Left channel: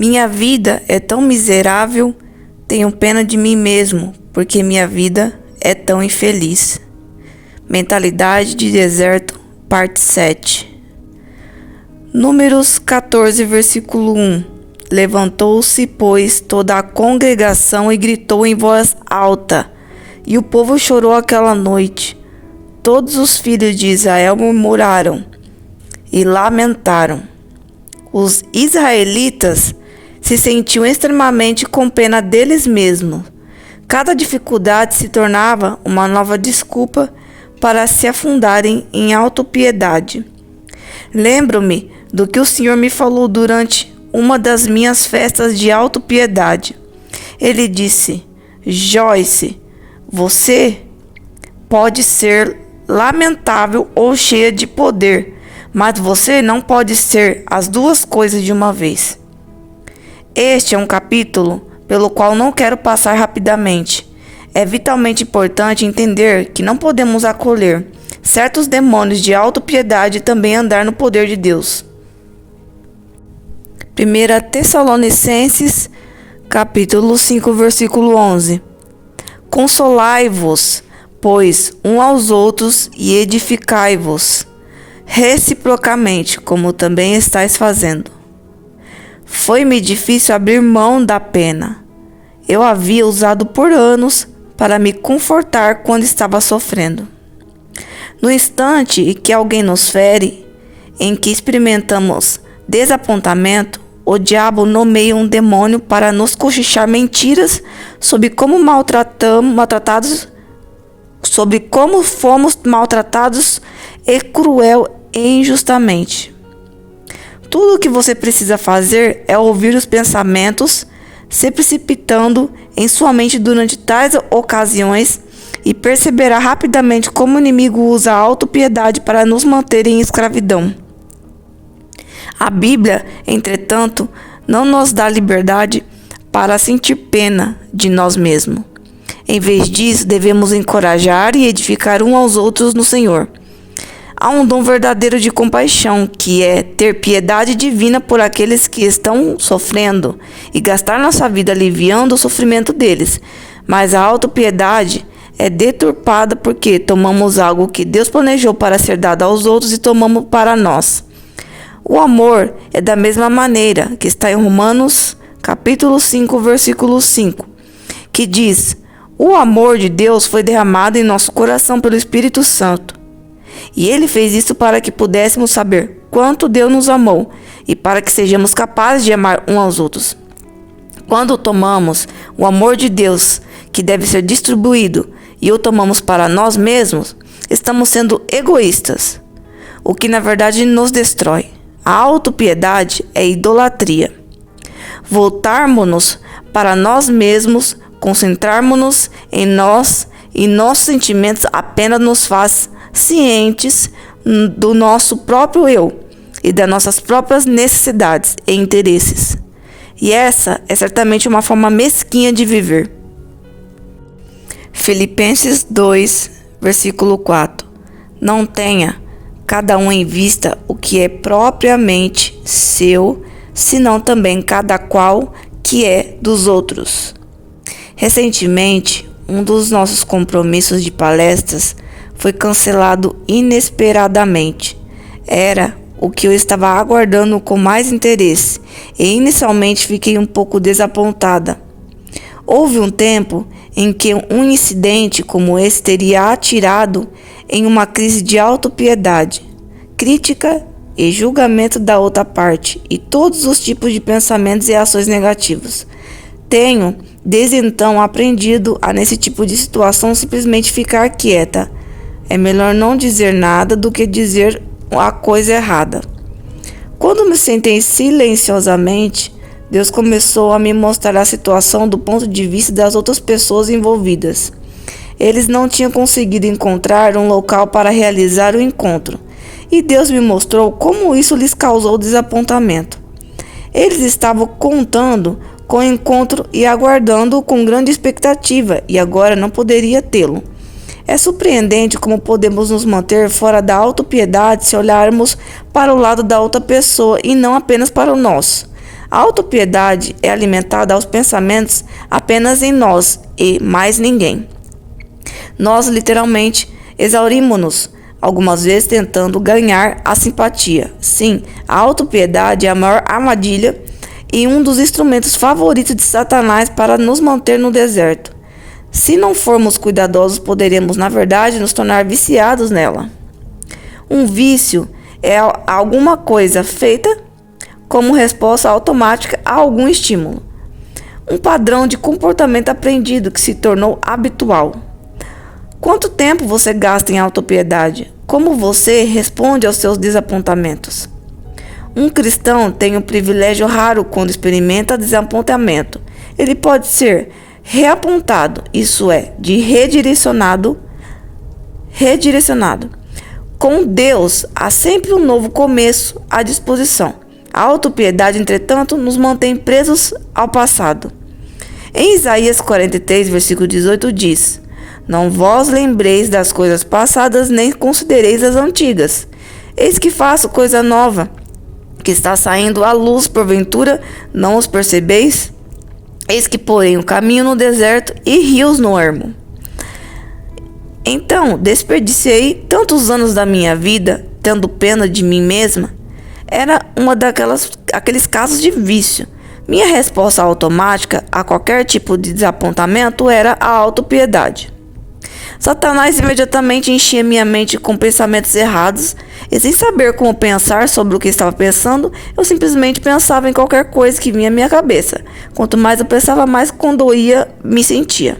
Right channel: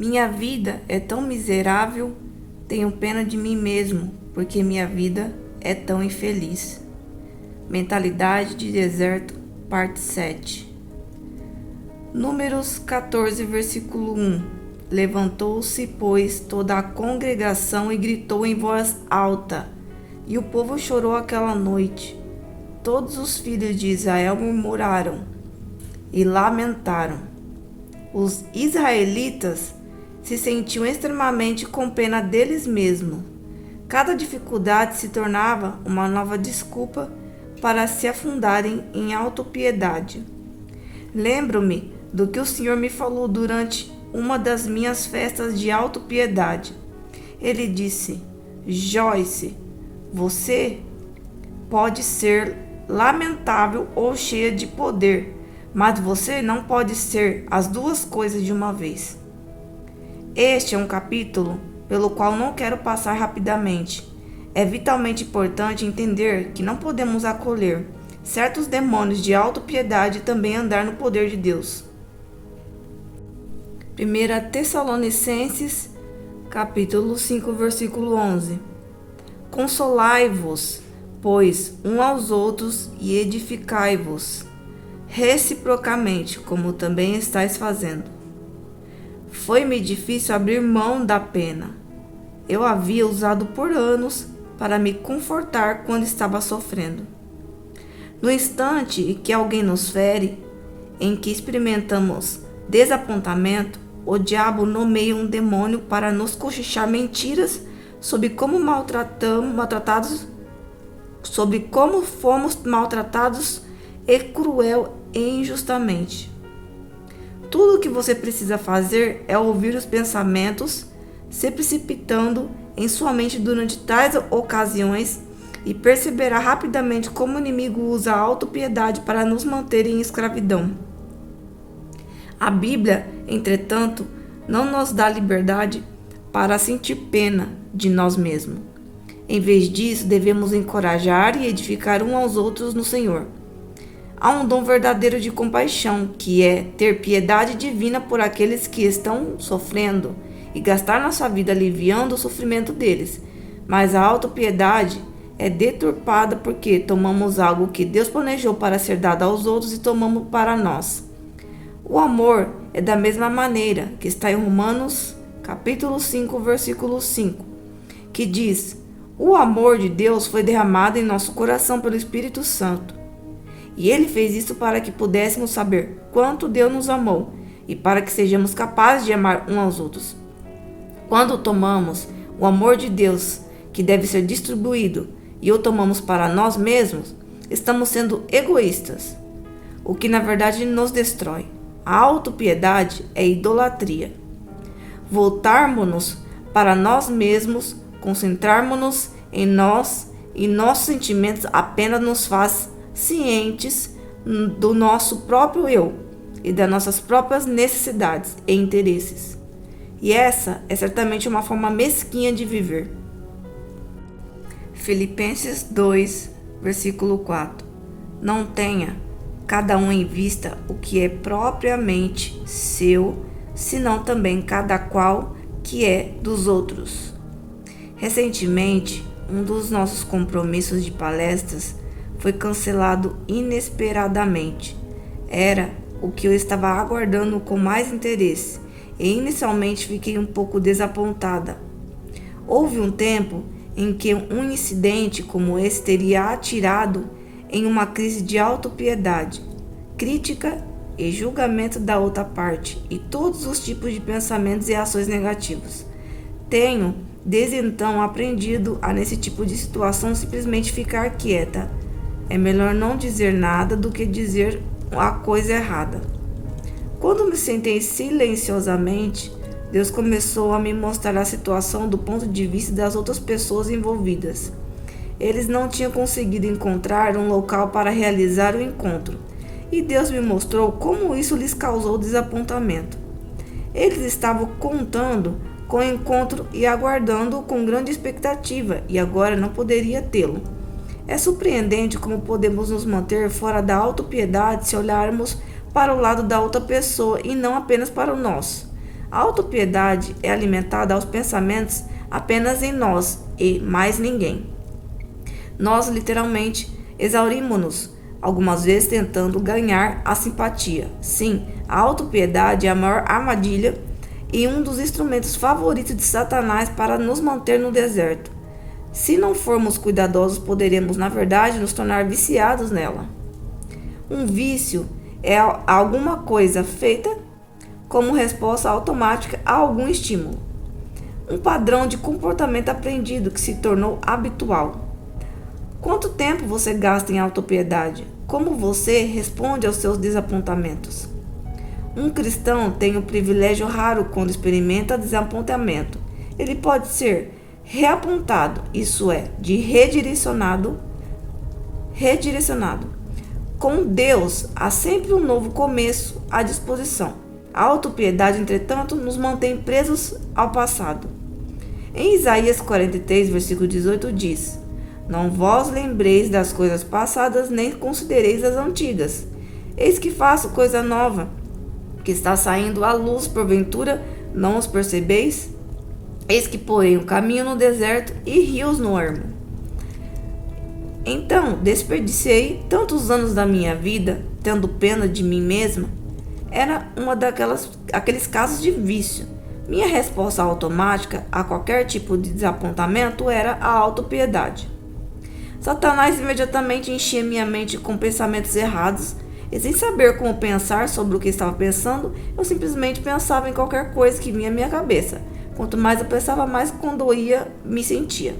Minha vida é tão miserável, tenho pena de mim mesmo, porque minha vida é tão infeliz. Mentalidade de deserto, parte 7. Números 14, versículo 1. Levantou-se, pois, toda a congregação e gritou em voz alta, e o povo chorou aquela noite. Todos os filhos de Israel murmuraram e lamentaram. Os israelitas se sentiam extremamente com pena deles mesmos. Cada dificuldade se tornava uma nova desculpa para se afundarem em autopiedade. Lembro-me do que o Senhor me falou durante uma das minhas festas de autopiedade. Ele disse: Joyce, você pode ser lamentável ou cheia de poder, mas você não pode ser as duas coisas de uma vez. Este é um capítulo pelo qual não quero passar rapidamente. É vitalmente importante entender que não podemos acolher certos demônios de autopiedade e também andar no poder de Deus. 1 Tessalonicenses, capítulo 5, versículo 11. Consolai-vos, pois, uns aos outros e edificai-vos, reciprocamente, como também estáis fazendo. Foi-me difícil abrir mão da pena. Eu havia usado por anos para me confortar quando estava sofrendo. No instante em que alguém nos fere, em que experimentamos desapontamento, o diabo nomeia um demônio para nos cochichar mentiras sobre como fomos maltratados e cruel e injustamente. Tudo o que você precisa fazer é ouvir os pensamentos se precipitando em sua mente durante tais ocasiões e perceberá rapidamente como o inimigo usa a autopiedade para nos manter em escravidão. A Bíblia, entretanto, não nos dá liberdade para sentir pena de nós mesmos. Em vez disso, devemos encorajar e edificar uns aos outros no Senhor. Há um dom verdadeiro de compaixão, que é ter piedade divina por aqueles que estão sofrendo e gastar nossa vida aliviando o sofrimento deles. Mas a autopiedade é deturpada porque tomamos algo que Deus planejou para ser dado aos outros e tomamos para nós. O amor é da mesma maneira, que está em Romanos, capítulo 5, versículo 5, que diz: o amor de Deus foi derramado em nosso coração pelo Espírito Santo. E Ele fez isso para que pudéssemos saber quanto Deus nos amou e para que sejamos capazes de amar uns aos outros. Quando tomamos o amor de Deus, que deve ser distribuído, e o tomamos para nós mesmos, estamos sendo egoístas, o que na verdade nos destrói. A autopiedade é idolatria. Voltarmos-nos para nós mesmos, concentrarmos-nos em nós e nossos sentimentos apenas nos faz cientes do nosso próprio eu e das nossas próprias necessidades e interesses. E essa é certamente uma forma mesquinha de viver. Filipenses 2, versículo 4. Não tenha cada um em vista o que é propriamente seu, senão também cada qual que é dos outros. Recentemente, um dos nossos compromissos de palestras foi cancelado inesperadamente. Era o que eu estava aguardando com mais interesse e inicialmente fiquei um pouco desapontada. Houve um tempo em que um incidente como esse teria atirado em uma crise de autopiedade, crítica e julgamento da outra parte e todos os tipos de pensamentos e ações negativos. Tenho, desde então, aprendido a nesse tipo de situação simplesmente ficar quieta. É melhor não dizer nada do que dizer a coisa errada. Quando me sentei silenciosamente, Deus começou a me mostrar a situação do ponto de vista das outras pessoas envolvidas. Eles não tinham conseguido encontrar um local para realizar o encontro, e Deus me mostrou como isso lhes causou desapontamento. Eles estavam contando com o encontro e aguardando-o com grande expectativa, e agora não poderia tê-lo. É surpreendente como podemos nos manter fora da autopiedade se olharmos para o lado da outra pessoa e não apenas para o nosso. A autopiedade é alimentada aos pensamentos apenas em nós e mais ninguém. Nós literalmente exaurimos-nos, algumas vezes tentando ganhar a simpatia. Sim, a autopiedade é a maior armadilha e um dos instrumentos favoritos de Satanás para nos manter no deserto. Se não formos cuidadosos, poderemos, na verdade, nos tornar viciados nela. Um vício é alguma coisa feita como resposta automática a algum estímulo. Um padrão de comportamento aprendido que se tornou habitual. Quanto tempo você gasta em autopiedade? Como você responde aos seus desapontamentos? Um cristão tem um privilégio raro quando experimenta desapontamento. Ele pode ser reapontado, isso é, de redirecionado. Com Deus, há sempre um novo começo à disposição. A autopiedade, entretanto, nos mantém presos ao passado. Em Isaías 43, versículo 18, diz: Não vos lembreis das coisas passadas, nem considereis as antigas. Eis que faço coisa nova, que está saindo à luz, porventura não os percebeis? Eis que porém um caminho no deserto e rios no ermo. Então, desperdicei tantos anos da minha vida, tendo pena de mim mesma. Era aqueles casos de vício. Minha resposta automática a qualquer tipo de desapontamento era a autopiedade. Satanás imediatamente enchia minha mente com pensamentos errados, e sem saber como pensar sobre o que estava pensando, eu simplesmente pensava em qualquer coisa que vinha à minha cabeça. Quanto mais eu pensava, mais condoída me sentia.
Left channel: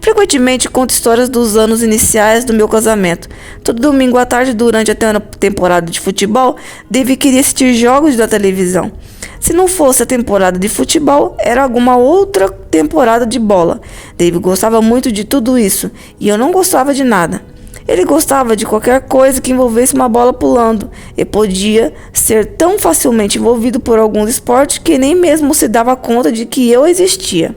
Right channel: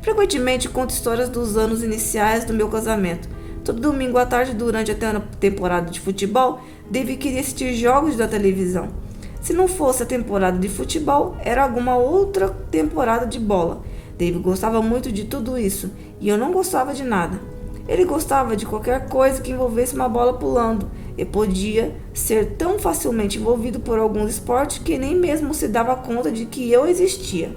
Frequentemente conto histórias dos anos iniciais do meu casamento. Todo domingo à tarde, durante a temporada de futebol, Dave queria assistir jogos da televisão. Se não fosse a temporada de futebol, era alguma outra temporada de bola. Dave gostava muito de tudo isso, e eu não gostava de nada. Ele gostava de qualquer coisa que envolvesse uma bola pulando, e podia ser tão facilmente envolvido por alguns esportes que nem mesmo se dava conta de que eu existia.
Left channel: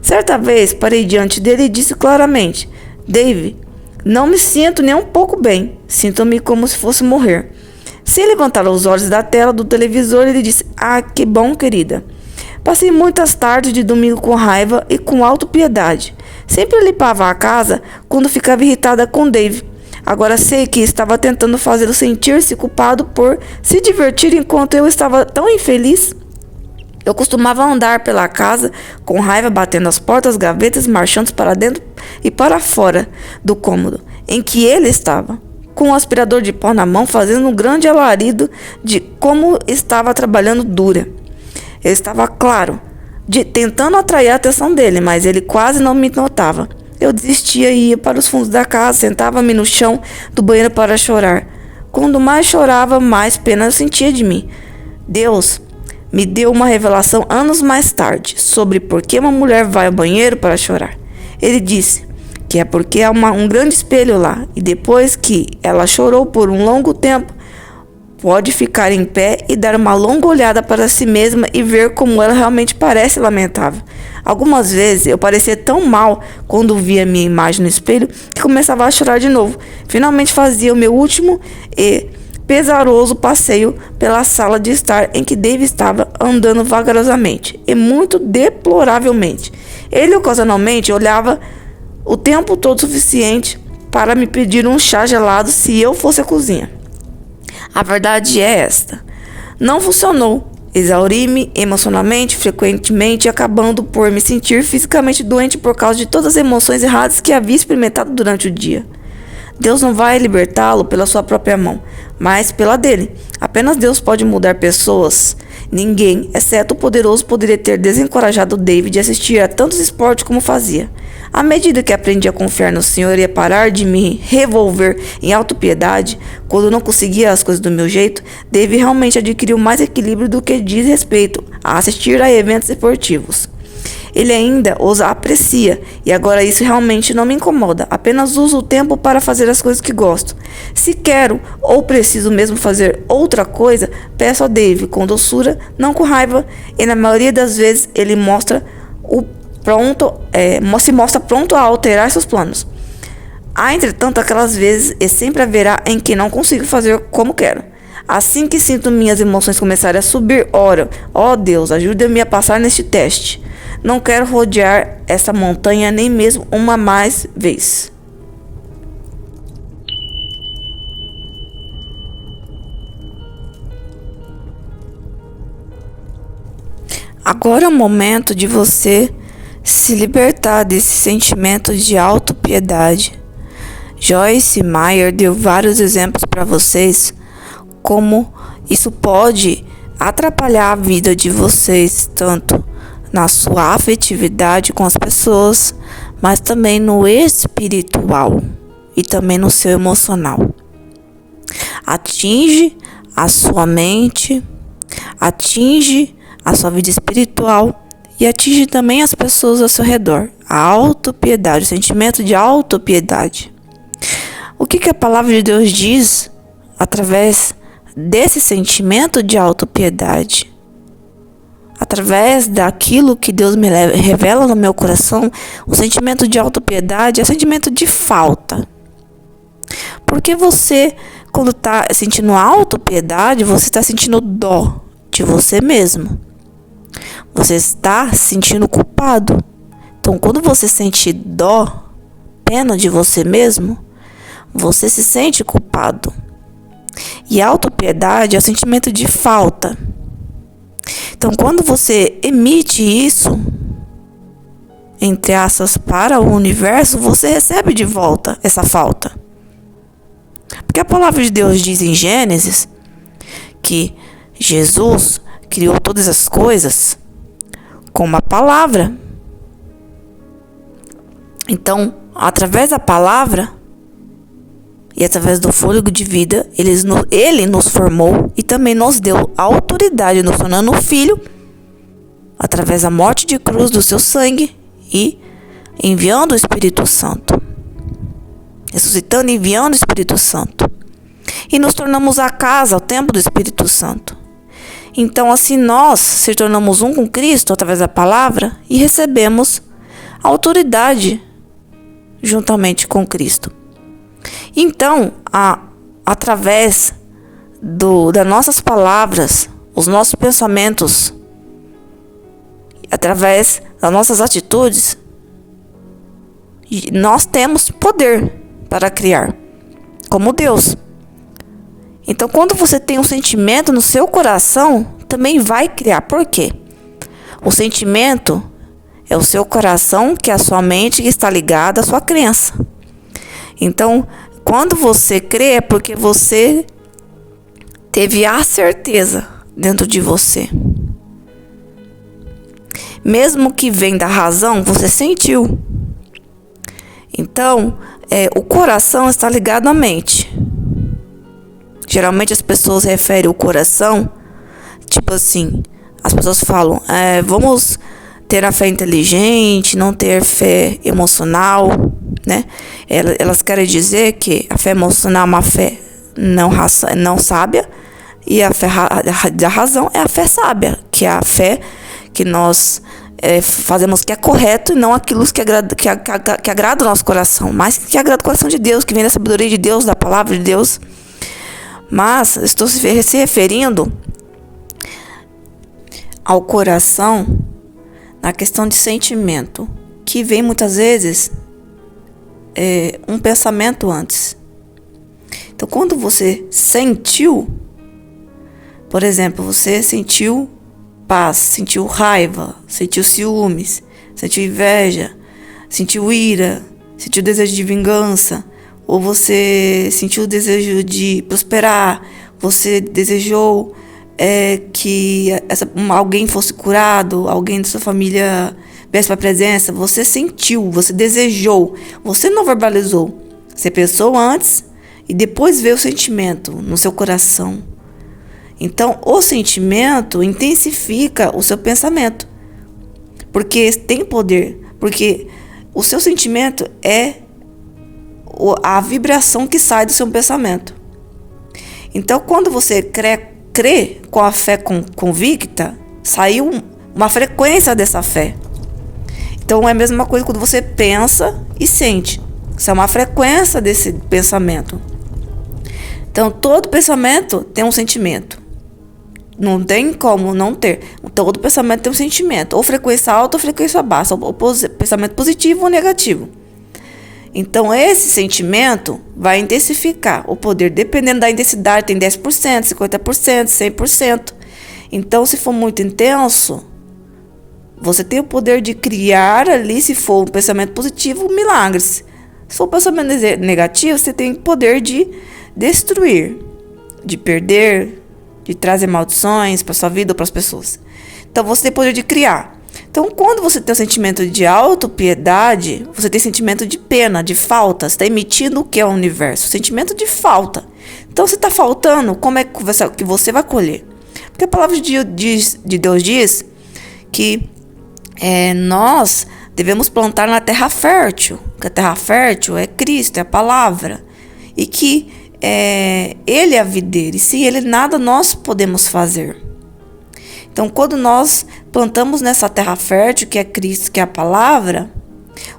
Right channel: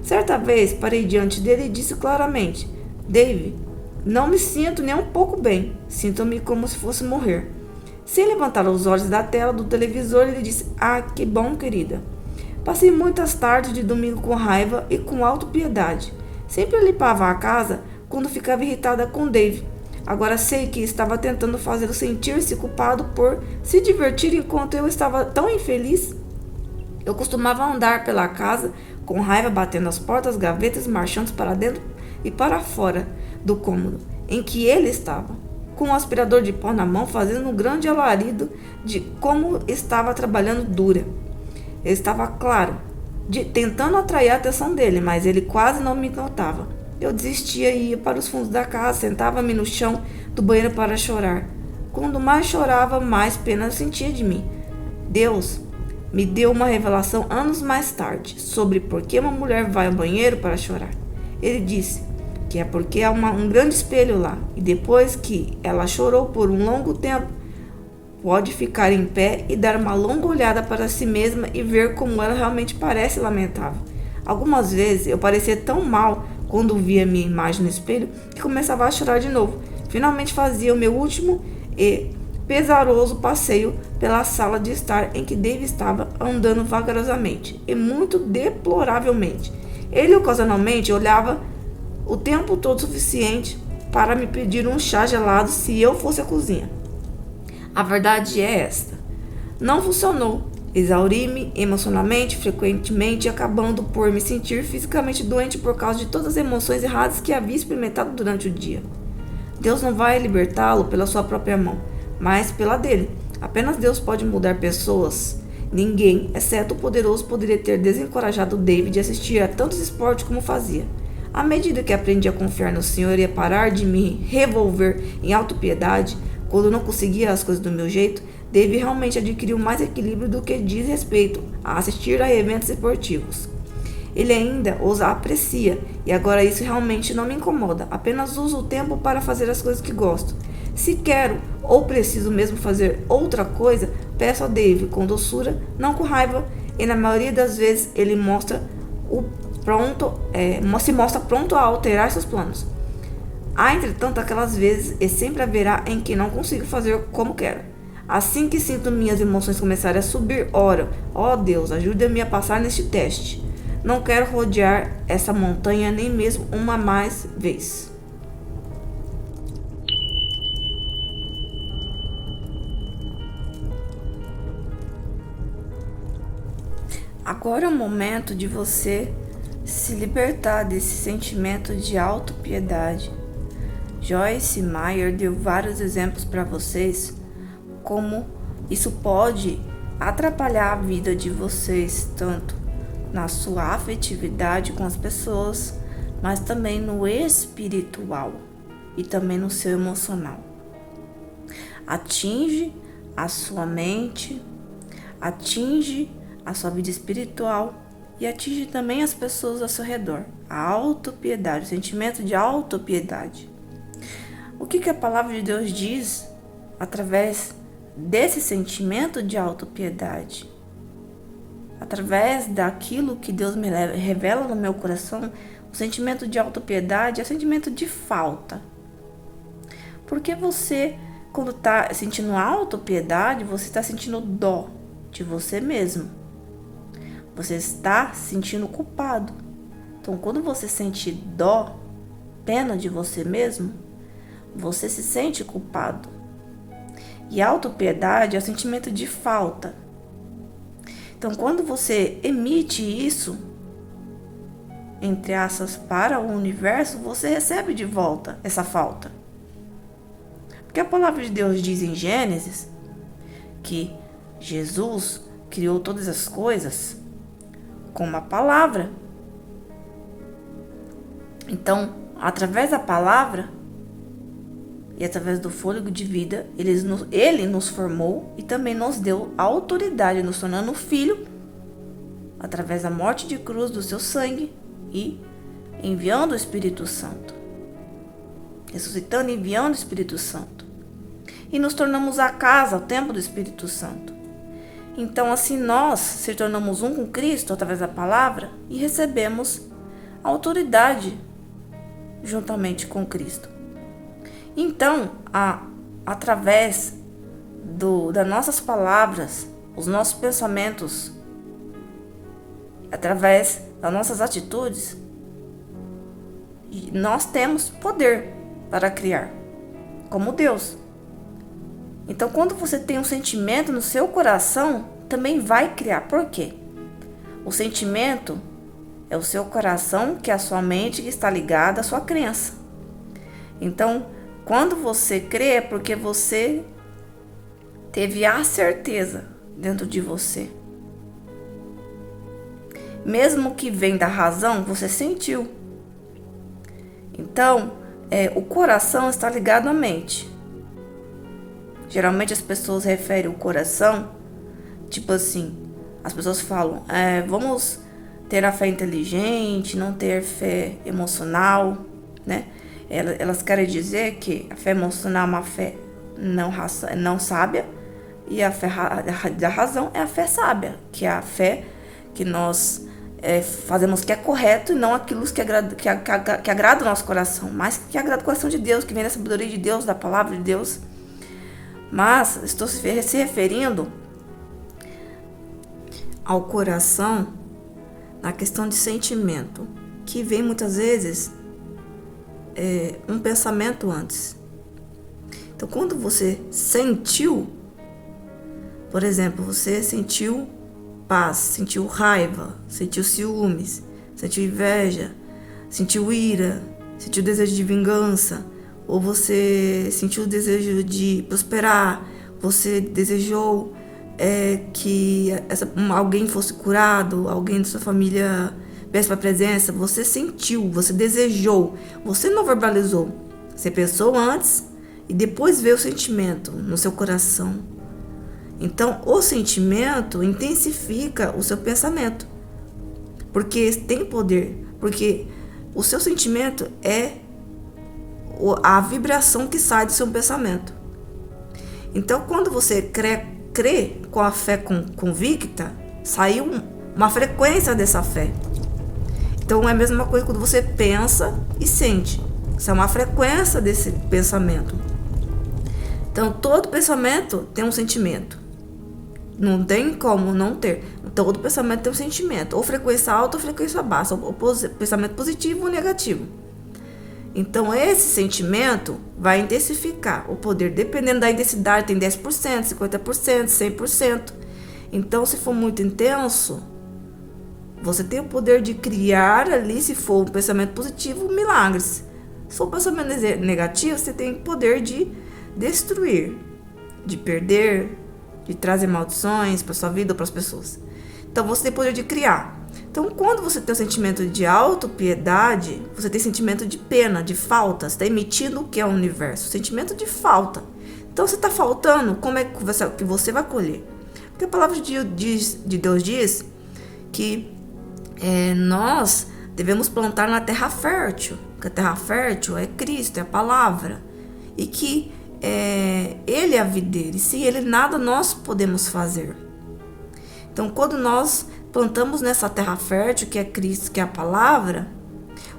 Certa vez, parei diante dele e disse claramente: Dave, não me sinto nem um pouco bem. Sinto-me como se fosse morrer. Sem levantar os olhos da tela do televisor, ele disse: Ah, que bom, querida. Passei muitas tardes de domingo com raiva e com autopiedade. Sempre limpava a casa quando ficava irritada com Dave. Agora sei que estava tentando fazê-lo sentir-se culpado por se divertir enquanto eu estava tão infeliz. Eu costumava andar pela casa com raiva, batendo as portas, gavetas, marchando para dentro e para fora do cômodo em que ele estava, com o aspirador de pó na mão, fazendo um grande alarido de como estava trabalhando dura. Eu estava, claro, tentando atrair a atenção dele, mas ele quase não me notava. Eu desistia e ia para os fundos da casa, sentava-me no chão do banheiro para chorar. Quando mais chorava, mais pena eu sentia de mim. Deus me deu uma revelação anos mais tarde sobre por que uma mulher vai ao banheiro para chorar. Ele disse que é porque há um grande espelho lá, e depois que ela chorou por um longo tempo, pode ficar em pé e dar uma longa olhada para si mesma e ver como ela realmente parece lamentável. Algumas vezes eu parecia tão mal quando via minha imagem no espelho que começava a chorar de novo. Finalmente fazia o meu último e pesaroso passeio pela sala de estar em que Dave estava andando vagarosamente e muito deploravelmente. Ele ocasionalmente olhava o tempo todo suficiente para me pedir um chá gelado se eu fosse à cozinha. A verdade é esta: não funcionou. Exauri-me emocionalmente, frequentemente, acabando por me sentir fisicamente doente por causa de todas as emoções erradas que havia experimentado durante o dia. Deus não vai libertá-lo pela sua própria mão, mas pela dele. Apenas Deus pode mudar pessoas. Ninguém, exceto o poderoso, poderia ter desencorajado David de assistir a tantos esportes como fazia. À medida que aprendi a confiar no Senhor e a parar de me revolver em autopiedade quando não conseguia as coisas do meu jeito, David realmente adquiriu mais equilíbrio do que diz respeito a assistir a eventos esportivos. Ele ainda os aprecia, e agora isso realmente não me incomoda. Apenas uso o tempo para fazer as coisas que gosto. Se quero ou preciso mesmo fazer outra coisa, peço a Dave com doçura, não com raiva, e na maioria das vezes ele se mostra pronto a alterar seus planos. Há, entretanto, aquelas vezes, e sempre haverá, em que não consigo fazer como quero. Assim que sinto minhas emoções começarem a subir, oro: ó Deus, ajuda-me a passar neste teste. Não quero rodear essa montanha nem mesmo uma mais vez. Agora é o momento de você se libertar desse sentimento de autopiedade. Joyce Meyer deu vários exemplos para vocês como isso pode atrapalhar a vida de vocês, tanto na sua afetividade com as pessoas, mas também no espiritual e também no seu emocional. Atinge a sua mente, atinge a sua vida espiritual e atinge também as pessoas ao seu redor. A autopiedade, o sentimento de autopiedade. O que a palavra de Deus diz através desse sentimento de autopiedade? Através daquilo que Deus me revela no meu coração, o sentimento de autopiedade é o sentimento de falta. Porque você, quando está sentindo autopiedade, você está sentindo dó de você mesmo. Você está se sentindo culpado. Então, quando você sente dó, pena de você mesmo, você se sente culpado. E autopiedade é o sentimento de falta. Então, quando você emite isso, entre aspas, para o universo, você recebe de volta essa falta. Porque a palavra de Deus diz em Gênesis que Jesus criou todas as coisas com uma palavra. Então, através da palavra e através do fôlego de vida, ele nos formou e também nos deu a autoridade, nos tornando filho, através da morte de cruz do seu sangue e enviando o Espírito Santo. Ressuscitando e enviando o Espírito Santo. E nos tornamos a casa, o templo do Espírito Santo. Então, assim, nós se tornamos um com Cristo através da palavra e recebemos a autoridade juntamente com Cristo. Então, através das nossas palavras, os nossos pensamentos, através das nossas atitudes, nós temos poder para criar, como Deus. Então, quando você tem um sentimento no seu coração, também vai criar. Por quê? O sentimento é o seu coração, que é a sua mente, que está ligada à sua crença. Então, quando você crê, é porque você teve a certeza dentro de você. Mesmo que vem da razão, você sentiu. Então, o coração está ligado à mente. Geralmente as pessoas referem o coração, tipo assim, as pessoas falam, vamos ter a fé inteligente, não ter fé emocional, né? Elas querem dizer que a fé emocional é uma fé não sábia, e a fé da razão é a fé sábia, que é a fé que nós fazemos que é correto e não aquilo que agrada o nosso coração, mas que agrada o coração de Deus, que vem da sabedoria de Deus, da palavra de Deus. Mas estou se referindo ao coração na questão de sentimento, que vem muitas vezes um pensamento antes. Então, quando você sentiu, por exemplo, você sentiu paz, sentiu raiva, sentiu ciúmes, sentiu inveja, sentiu ira, sentiu desejo de vingança, ou você sentiu o desejo de prosperar, você desejou que alguém fosse curado, alguém da sua família viesse para a presença, você sentiu, você desejou, você não verbalizou, você pensou antes e depois veio o sentimento no seu coração. Então, o sentimento intensifica o seu pensamento, porque tem poder, porque o seu sentimento é a vibração que sai do seu pensamento. Então, quando você crê com a fé convicta, saiu uma frequência dessa fé. Então, é a mesma coisa quando você pensa e sente. Isso é uma frequência desse pensamento. Então, todo pensamento tem um sentimento. Não tem como não ter. Todo pensamento tem um sentimento. Ou frequência alta ou frequência baixa. Ou pensamento positivo ou negativo. Então, esse sentimento vai intensificar o poder. Dependendo da intensidade, tem 10%, 50%, 100%. Então, se for muito intenso, você tem o poder de criar ali, se for um pensamento positivo, milagres. Se for um pensamento negativo, você tem o poder de destruir, de perder, de trazer maldições para sua vida ou para as pessoas. Então, você tem o poder de criar. Então, quando você tem o sentimento de autopiedade, você tem sentimento de pena, de falta. Você está emitindo o que é o universo? Sentimento de falta. Então, se está faltando, como é que você vai colher? Porque a palavra de Deus diz que nós devemos plantar na terra fértil. Que a terra fértil é Cristo, é a palavra. E que Ele é a videira. E sem Ele nada nós podemos fazer. Então, quando nós plantamos nessa terra fértil, que é Cristo, que é a palavra,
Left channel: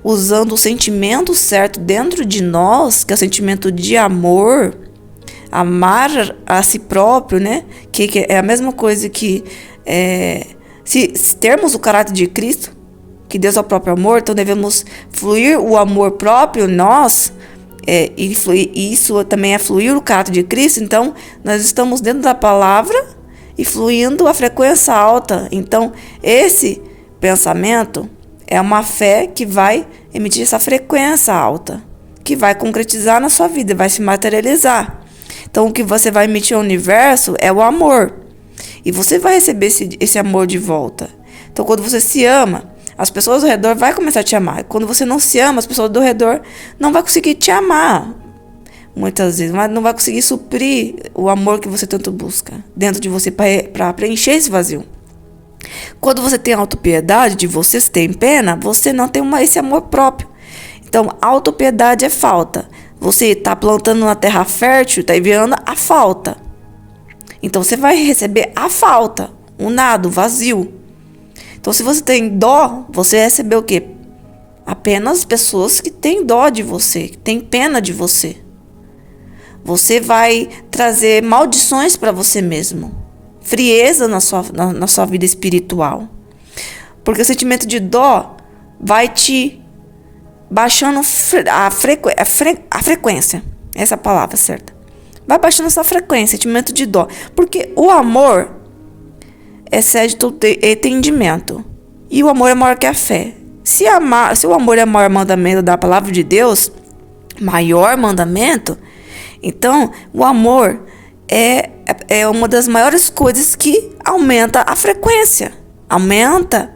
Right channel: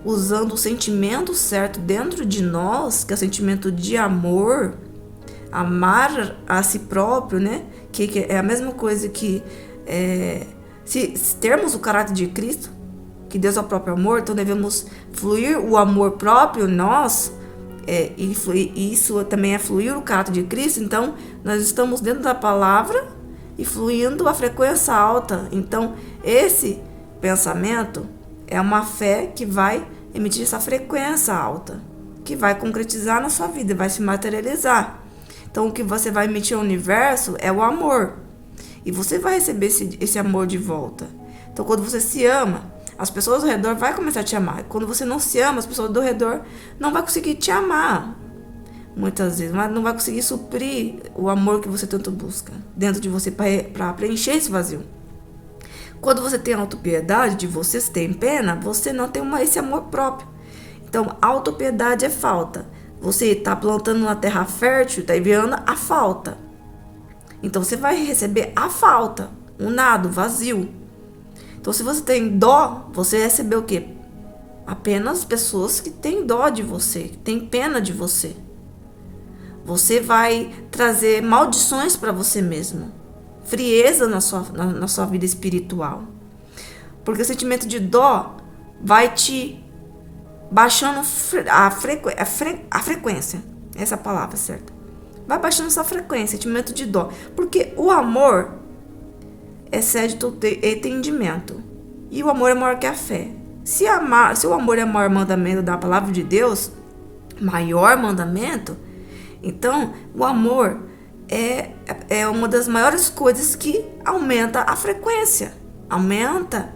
usando o sentimento certo dentro de nós, que é o sentimento de amor, amar a si próprio, né? Que é a mesma coisa que se termos o caráter de Cristo, que Deus é o próprio amor, então devemos fluir o amor próprio em nós, e isso também é fluir o caráter de Cristo. Então, nós estamos dentro da palavra e fluindo a frequência alta. Então, esse pensamento é uma fé que vai emitir essa frequência alta, que vai concretizar na sua vida, vai se materializar. Então, o que você vai emitir ao universo é o amor. E você vai receber esse amor de volta. Então, quando você se ama, as pessoas ao redor vão começar a te amar. Quando você não se ama, as pessoas ao redor não vão conseguir te amar. Muitas vezes, mas não vai conseguir suprir o amor que você tanto busca dentro de você para preencher esse vazio. Quando você tem autopiedade de você, se tem pena, você não tem esse amor próprio. Então, autopiedade é falta. Você está plantando na terra fértil, está enviando a falta. Então, você vai receber a falta, o nada, o vazio. Então, se você tem dó, você recebeu o quê? Apenas pessoas que têm dó de você, que têm pena de você. Você vai trazer maldições para você mesmo. Frieza na sua vida espiritual. Porque o sentimento de dó vai te baixando a frequência. Essa é a palavra certa. Vai baixando essa frequência, sentimento de dó. Porque o amor excede todo entendimento. E o amor é maior que a fé. Se o amor é o maior mandamento da palavra de Deus, maior mandamento, então o amor é uma das maiores coisas que aumenta a frequência, aumenta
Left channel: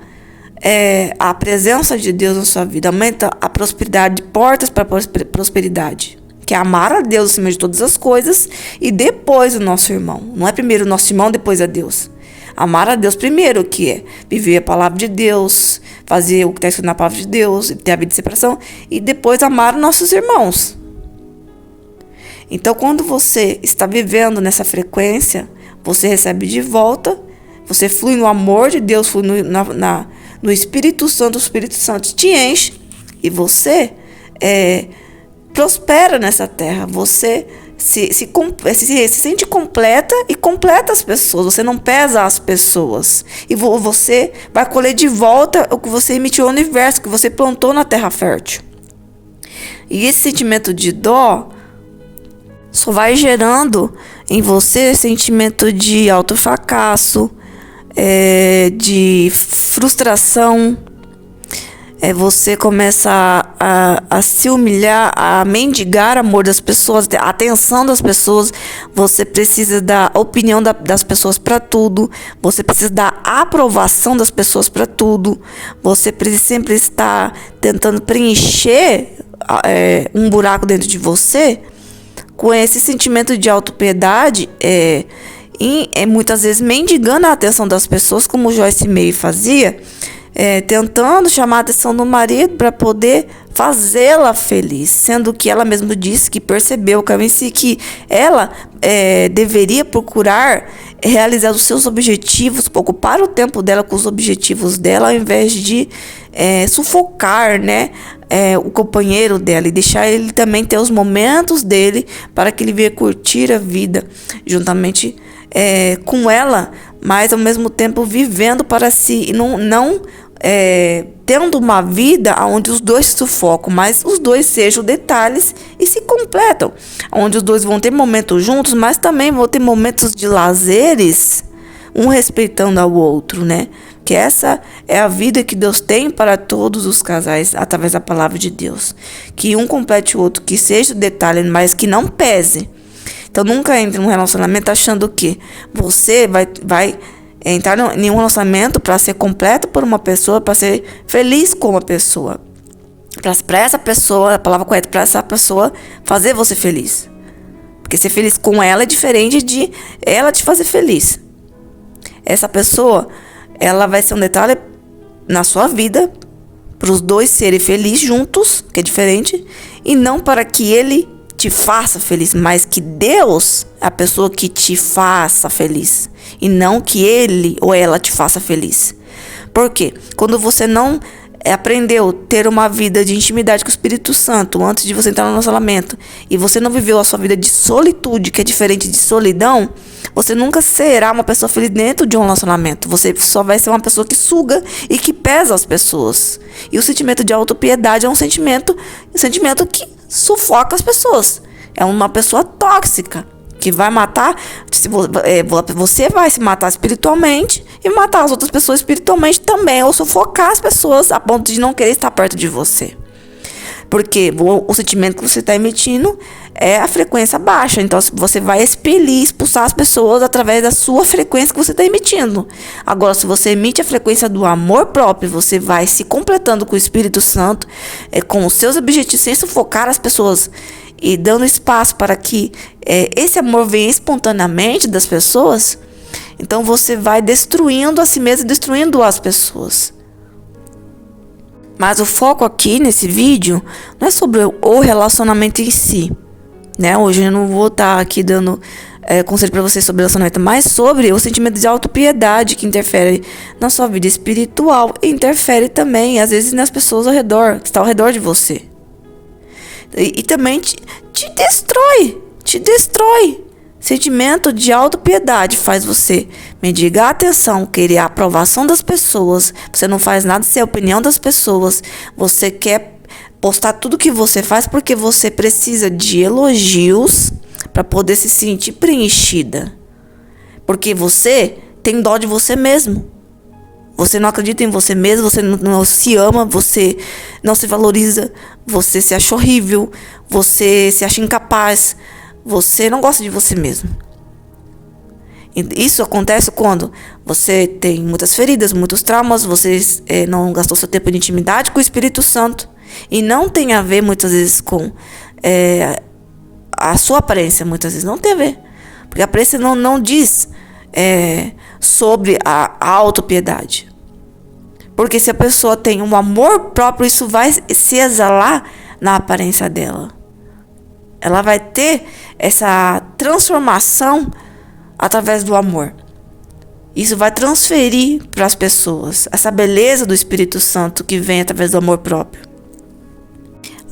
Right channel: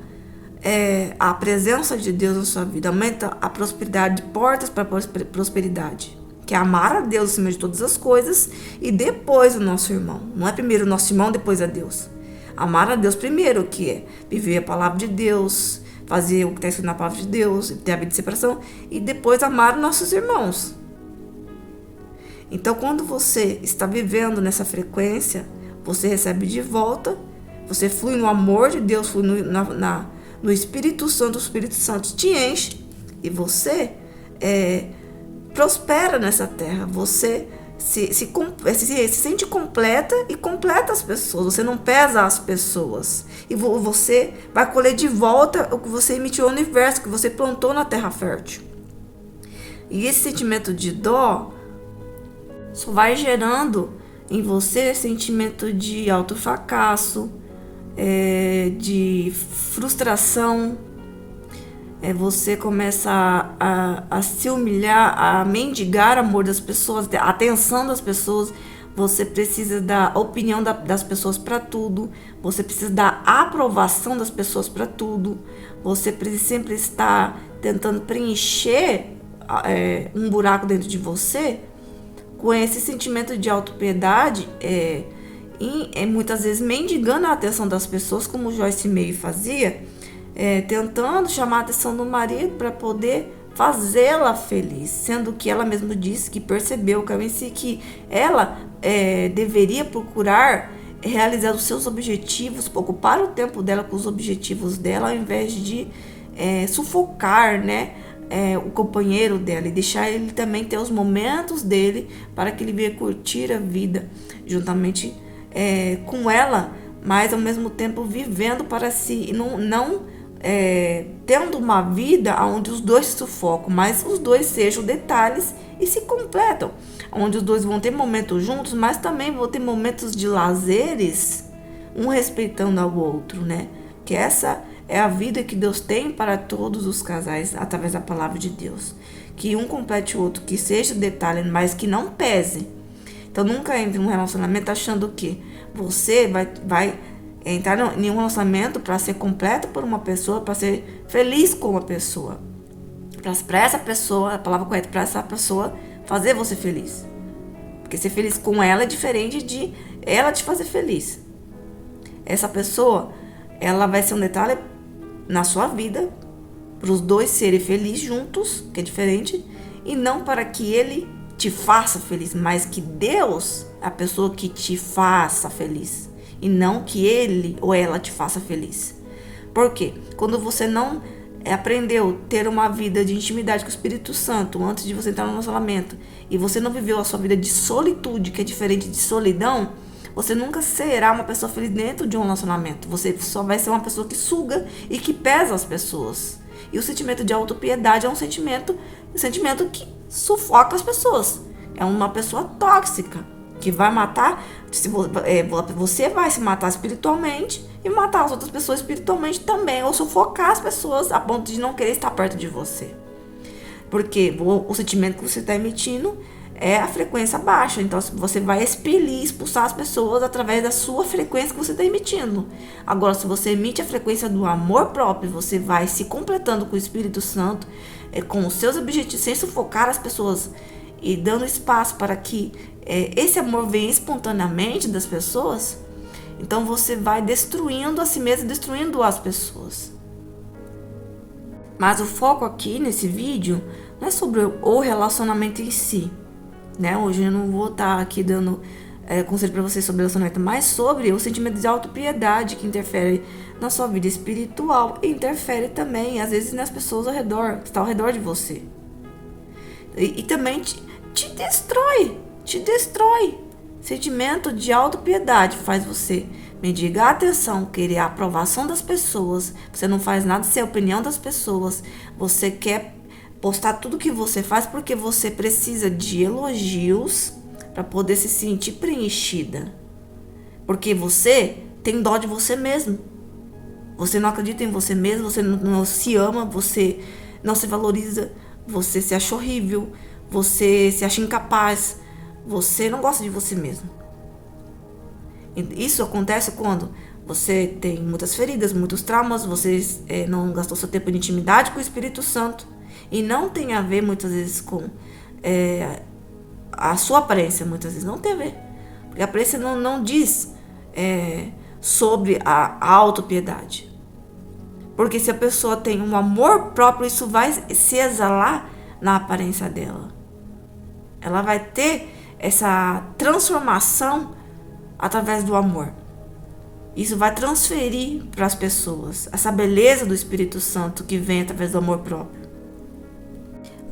a presença de Deus na sua vida, aumenta a prosperidade, portas para prosperidade, que é amar a Deus acima de todas as coisas e depois o nosso irmão. Não é primeiro o nosso irmão, depois a Deus. Amar a Deus primeiro, que é viver a palavra de Deus, fazer o que está escrito na palavra de Deus, ter a vida de separação, e depois amar os nossos irmãos. Então, quando você está vivendo nessa frequência, você recebe de volta, você flui no amor de Deus, flui no Espírito Santo, o Espírito Santo te enche e você prospera nessa terra. Você se sente completa e completa as pessoas. Você não pesa as pessoas. E você vai colher de volta o que você emitiu ao universo, que você plantou na terra fértil. E esse sentimento de dó só vai gerando em você sentimento de autofracasso, de frustração. Você começa a se humilhar, a mendigar amor das pessoas, a atenção das pessoas. Você precisa da opinião das pessoas para tudo. Você precisa da aprovação das pessoas para tudo. Você precisa sempre estar tentando preencher um buraco dentro de você com esse sentimento de autopiedade, muitas vezes mendigando a atenção das pessoas, como Joyce Meyer fazia, tentando chamar a atenção do marido para poder fazê-la feliz, sendo que ela mesma disse que percebeu que ela deveria procurar realizar os seus objetivos, ocupar o tempo dela com os objetivos dela, ao invés de sufocar, né, o companheiro dela e deixar ele também ter os momentos dele para que ele venha curtir a vida juntamente com ela, mas ao mesmo tempo vivendo para si e não tendo uma vida onde os dois se sufocam, mas os dois sejam detalhes e se completam, onde os dois vão ter momentos juntos, mas também vão ter momentos de lazeres, um respeitando ao outro, né? Que essa é a vida que Deus tem para todos os casais através da palavra de Deus, que um complete o outro, que seja detalhe, mas que não pese. Então nunca entre num relacionamento achando que você vai entrar em um relacionamento para ser completo por uma pessoa, para ser feliz com uma pessoa. Para essa pessoa, a palavra correta, para essa pessoa fazer você feliz. Porque ser feliz com ela é diferente de ela te fazer feliz. Essa pessoa, ela vai ser um detalhe na sua vida, para os dois serem felizes juntos, que é diferente, e não para que ele te faça feliz, mas que Deus é a pessoa que te faça feliz, e não que ele ou ela te faça feliz. Por quê? Quando você não aprendeu a ter uma vida de intimidade com o Espírito Santo antes de você entrar no relacionamento, e você não viveu a sua vida de solitude, que é diferente de solidão, você nunca será uma pessoa feliz dentro de um relacionamento. Você só vai ser uma pessoa que suga e que pesa as pessoas. E o sentimento de autopiedade é um sentimento que sufoca as pessoas. É uma pessoa tóxica que vai matar. Você vai se matar espiritualmente e matar as outras pessoas espiritualmente também, ou sufocar as pessoas a ponto de não querer estar perto de você. Porque o sentimento que você está emitindo é a frequência baixa. Então você vai expelir, expulsar as pessoas através da sua frequência que você está emitindo. Agora, se você emite a frequência do amor próprio, você vai se completando com o Espírito Santo, com os seus objetivos, sem sufocar as pessoas e dando espaço para que esse amor venha espontaneamente das pessoas. Então você vai destruindo a si mesmo, destruindo as pessoas. Mas o foco aqui nesse vídeo não é sobre o relacionamento em si, né? Hoje eu não vou estar aqui dando conselho para vocês sobre relacionamento, mas sobre o sentimento de autopiedade que interfere na sua vida espiritual e interfere também, às vezes, nas pessoas ao redor, que estão ao redor de você. E também te destrói. Sentimento de autopiedade faz você mendigar atenção, querer a aprovação das pessoas. Você não faz nada sem a opinião das pessoas. Você quer postar tudo que você faz porque você precisa de elogios para poder se sentir preenchida. Porque você tem dó de você mesmo. Você não acredita em você mesmo, você não se ama, você não se valoriza, você se acha horrível, você se acha incapaz. Você não gosta de você mesmo. Isso acontece quando você tem muitas feridas, muitos traumas, você não gastou seu tempo de intimidade com o Espírito Santo. E não tem a ver muitas vezes com a sua aparência, muitas vezes não tem a ver. Porque a aparência não diz sobre a autopiedade. Porque se a pessoa tem um amor próprio, isso vai se exalar na aparência dela. Ela vai ter essa transformação através do amor. Isso vai transferir para as pessoas essa beleza do Espírito Santo que vem através do amor próprio.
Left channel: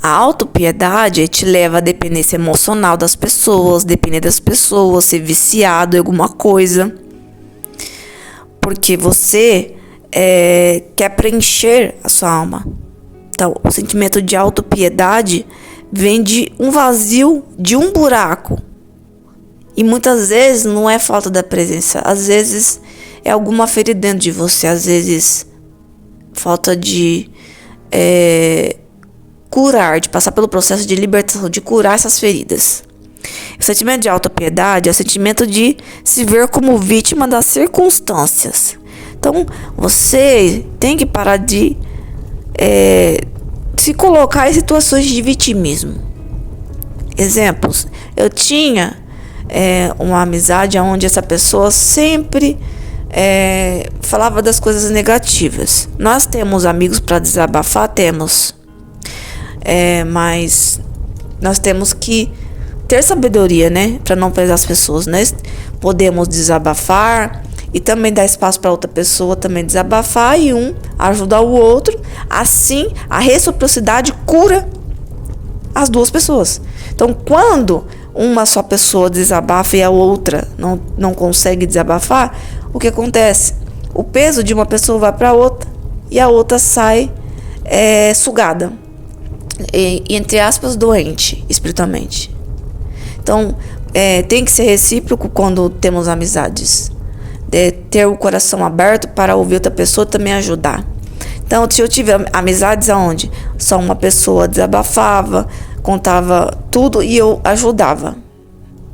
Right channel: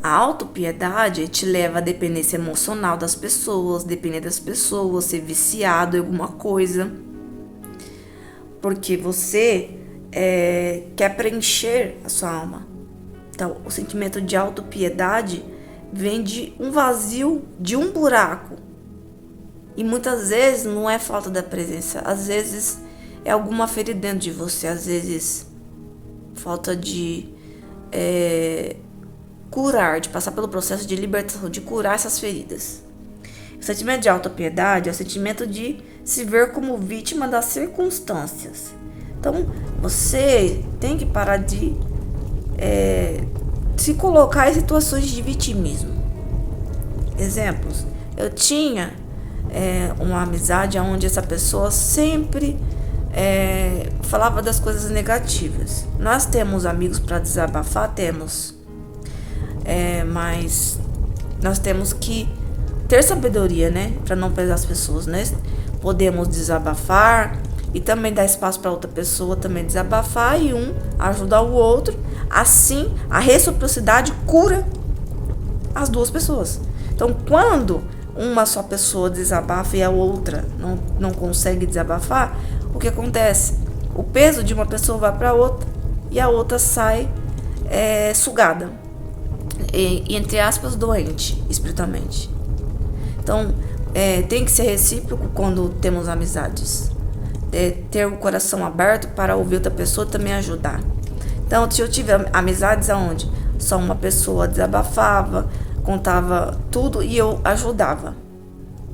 A autopiedade te leva à dependência emocional das pessoas, depender das pessoas, ser viciado em alguma coisa. Porque você quer preencher a sua alma. Então, o sentimento de autopiedade vem de um vazio, de um buraco. E muitas vezes não é falta da presença. Às vezes é alguma ferida dentro de você. Às vezes falta de curar, de passar pelo processo de libertação, de curar essas feridas. O sentimento de autopiedade é o sentimento de se ver como vítima das circunstâncias. Então você tem que parar de se colocar em situações de vitimismo. Exemplos. Eu tinha uma amizade onde essa pessoa sempre falava das coisas negativas. Nós temos amigos para desabafar? Temos. Mas nós temos que ter sabedoria, né? Para não pesar as pessoas, né? Podemos desabafar e também dá espaço para outra pessoa também desabafar e um ajuda o outro. Assim, a reciprocidade cura as duas pessoas. Então, quando uma só pessoa desabafa e a outra não consegue desabafar, o que acontece? O peso de uma pessoa vai para a outra e a outra sai sugada, entre aspas, doente espiritualmente. Então, tem que ser recíproco quando temos amizades. Ter o coração aberto para ouvir outra pessoa também ajudar. Então, se eu tive amizades onde só uma pessoa desabafava, contava tudo e eu ajudava.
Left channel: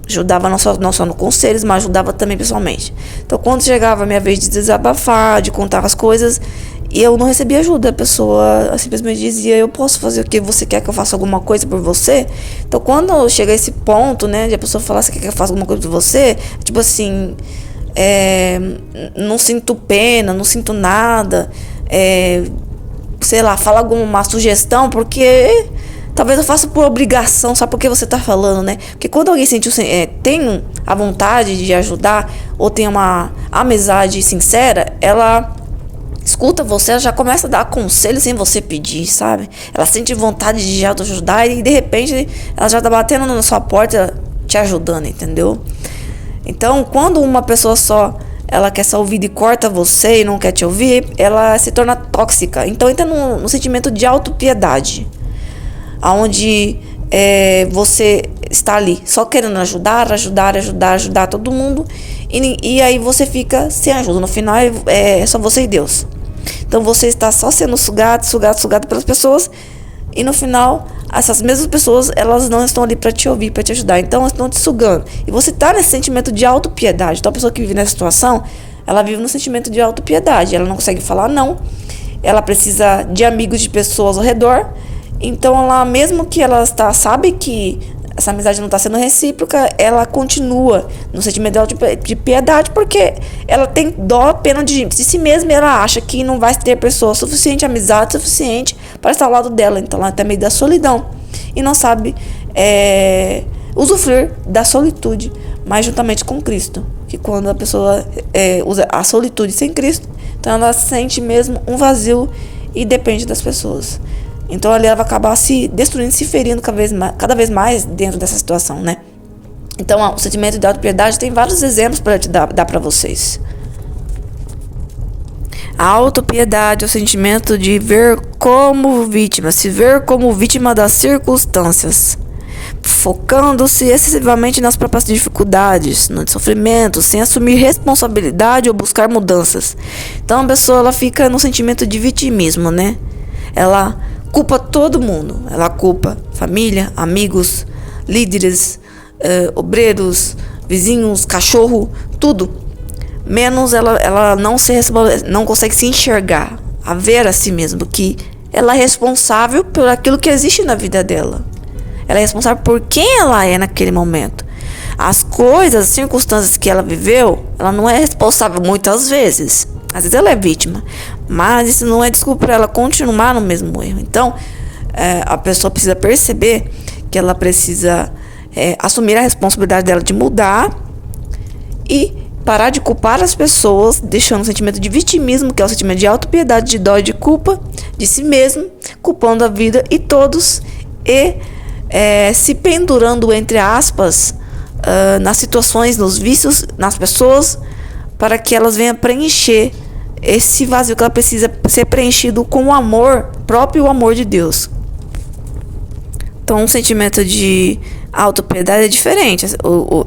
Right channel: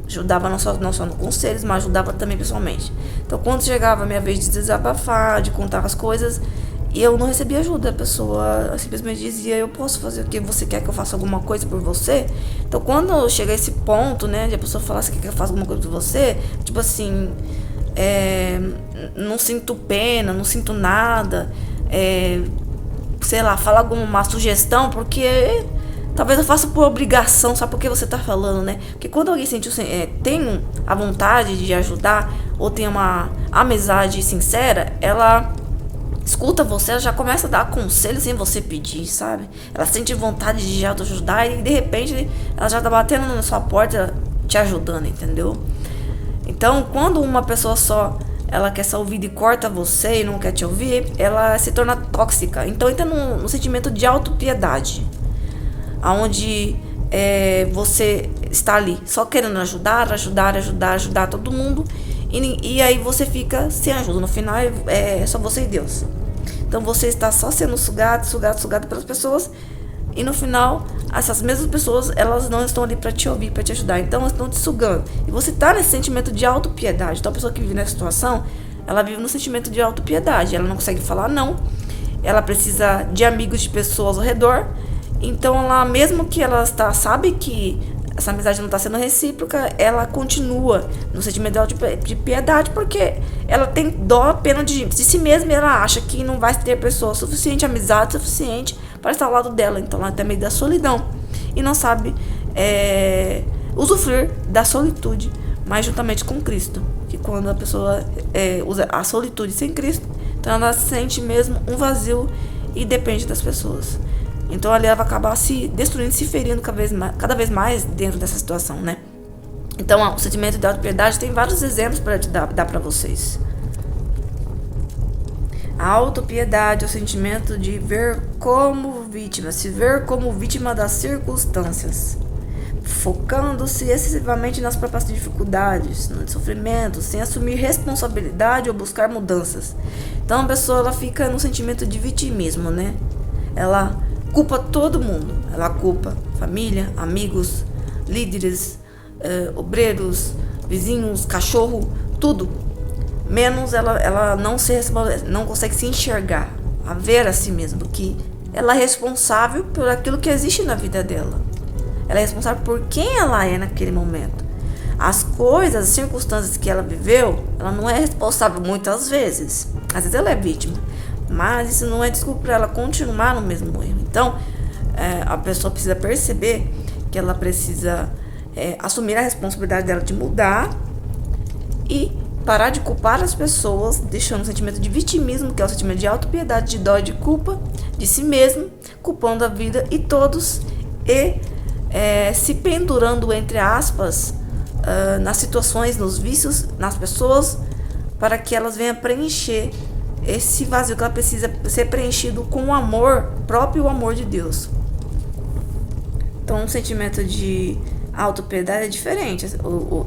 Ajudava não só no conselhos, mas ajudava também pessoalmente. Então, quando chegava a minha vez de desabafar, de contar as coisas, e eu não recebia ajuda, a pessoa simplesmente dizia: eu posso fazer o que você quer que eu faça alguma coisa por você? Então, quando chega a esse ponto, né, de a pessoa falar: você quer que eu faça alguma coisa por você? Tipo assim, não sinto pena, não sinto nada, sei lá, fala alguma sugestão, porque talvez eu faça por obrigação, só porque você tá falando, né? Porque quando alguém tem a vontade de ajudar, ou tem uma amizade sincera, ela escuta você, ela já começa a dar conselho sem você pedir, sabe? Ela sente vontade de já te ajudar e de repente ela já tá batendo na sua porta te ajudando, entendeu? Então, quando uma pessoa só ela quer ser ouvida e corta você e não quer te ouvir, ela se torna tóxica. Então entra no sentimento de autopiedade, onde você está ali só querendo ajudar todo mundo, e aí você fica sem ajuda. No final é só você e Deus. Então você está só sendo sugado pelas pessoas, e no final essas mesmas pessoas, elas não estão ali para te ouvir, para te ajudar. Então elas estão te sugando, e você está nesse sentimento de autopiedade. Então a pessoa que vive nessa situação, ela vive no sentimento de autopiedade. Ela não consegue falar não, ela precisa de amigos, de pessoas ao redor. Então ela, mesmo que ela sabe que essa amizade não está sendo recíproca, ela continua no sentimento de piedade, porque ela tem dó, pena de si mesma, e ela acha que não vai ter pessoa suficiente, amizade suficiente para estar ao lado dela. Então ela tem medo da solidão e não sabe usufruir da solitude, mas juntamente com Cristo. Que quando a pessoa usa a solitude sem Cristo, então ela sente mesmo um vazio e depende das pessoas. Então ali ela vai acabar se destruindo, se ferindo cada vez mais dentro dessa situação, né? Então o sentimento de autopiedade tem vários exemplos para te dar para vocês. A autopiedade é o sentimento de ver como vítima, se ver como vítima das circunstâncias, focando-se excessivamente nas próprias dificuldades, no sofrimento, sem assumir responsabilidade ou buscar mudanças. Então a pessoa ela fica no sentimento de vitimismo, né? Ela culpa todo mundo. Ela culpa família, amigos, líderes, obreiros, vizinhos, cachorro, tudo. Menos ela não consegue se enxergar, a ver a si mesma, que ela é responsável por aquilo que existe na vida dela. Ela é responsável por quem ela é naquele momento. As coisas, as circunstâncias que ela viveu, ela não é responsável muitas vezes. Às vezes ela é vítima, mas isso não é desculpa para ela continuar no mesmo erro. Então, a pessoa precisa perceber que ela precisa assumir a responsabilidade dela de mudar e parar de culpar as pessoas, deixando o sentimento de vitimismo, que é o sentimento de autopiedade, de dó e de culpa de si mesmo, culpando a vida e todos, e se pendurando, entre aspas, nas situações, nos vícios, nas pessoas, para que elas venham preencher esse vazio que ela precisa ser preenchido com o amor próprio, o amor de Deus. Então, um sentimento de autopiedade é diferente. O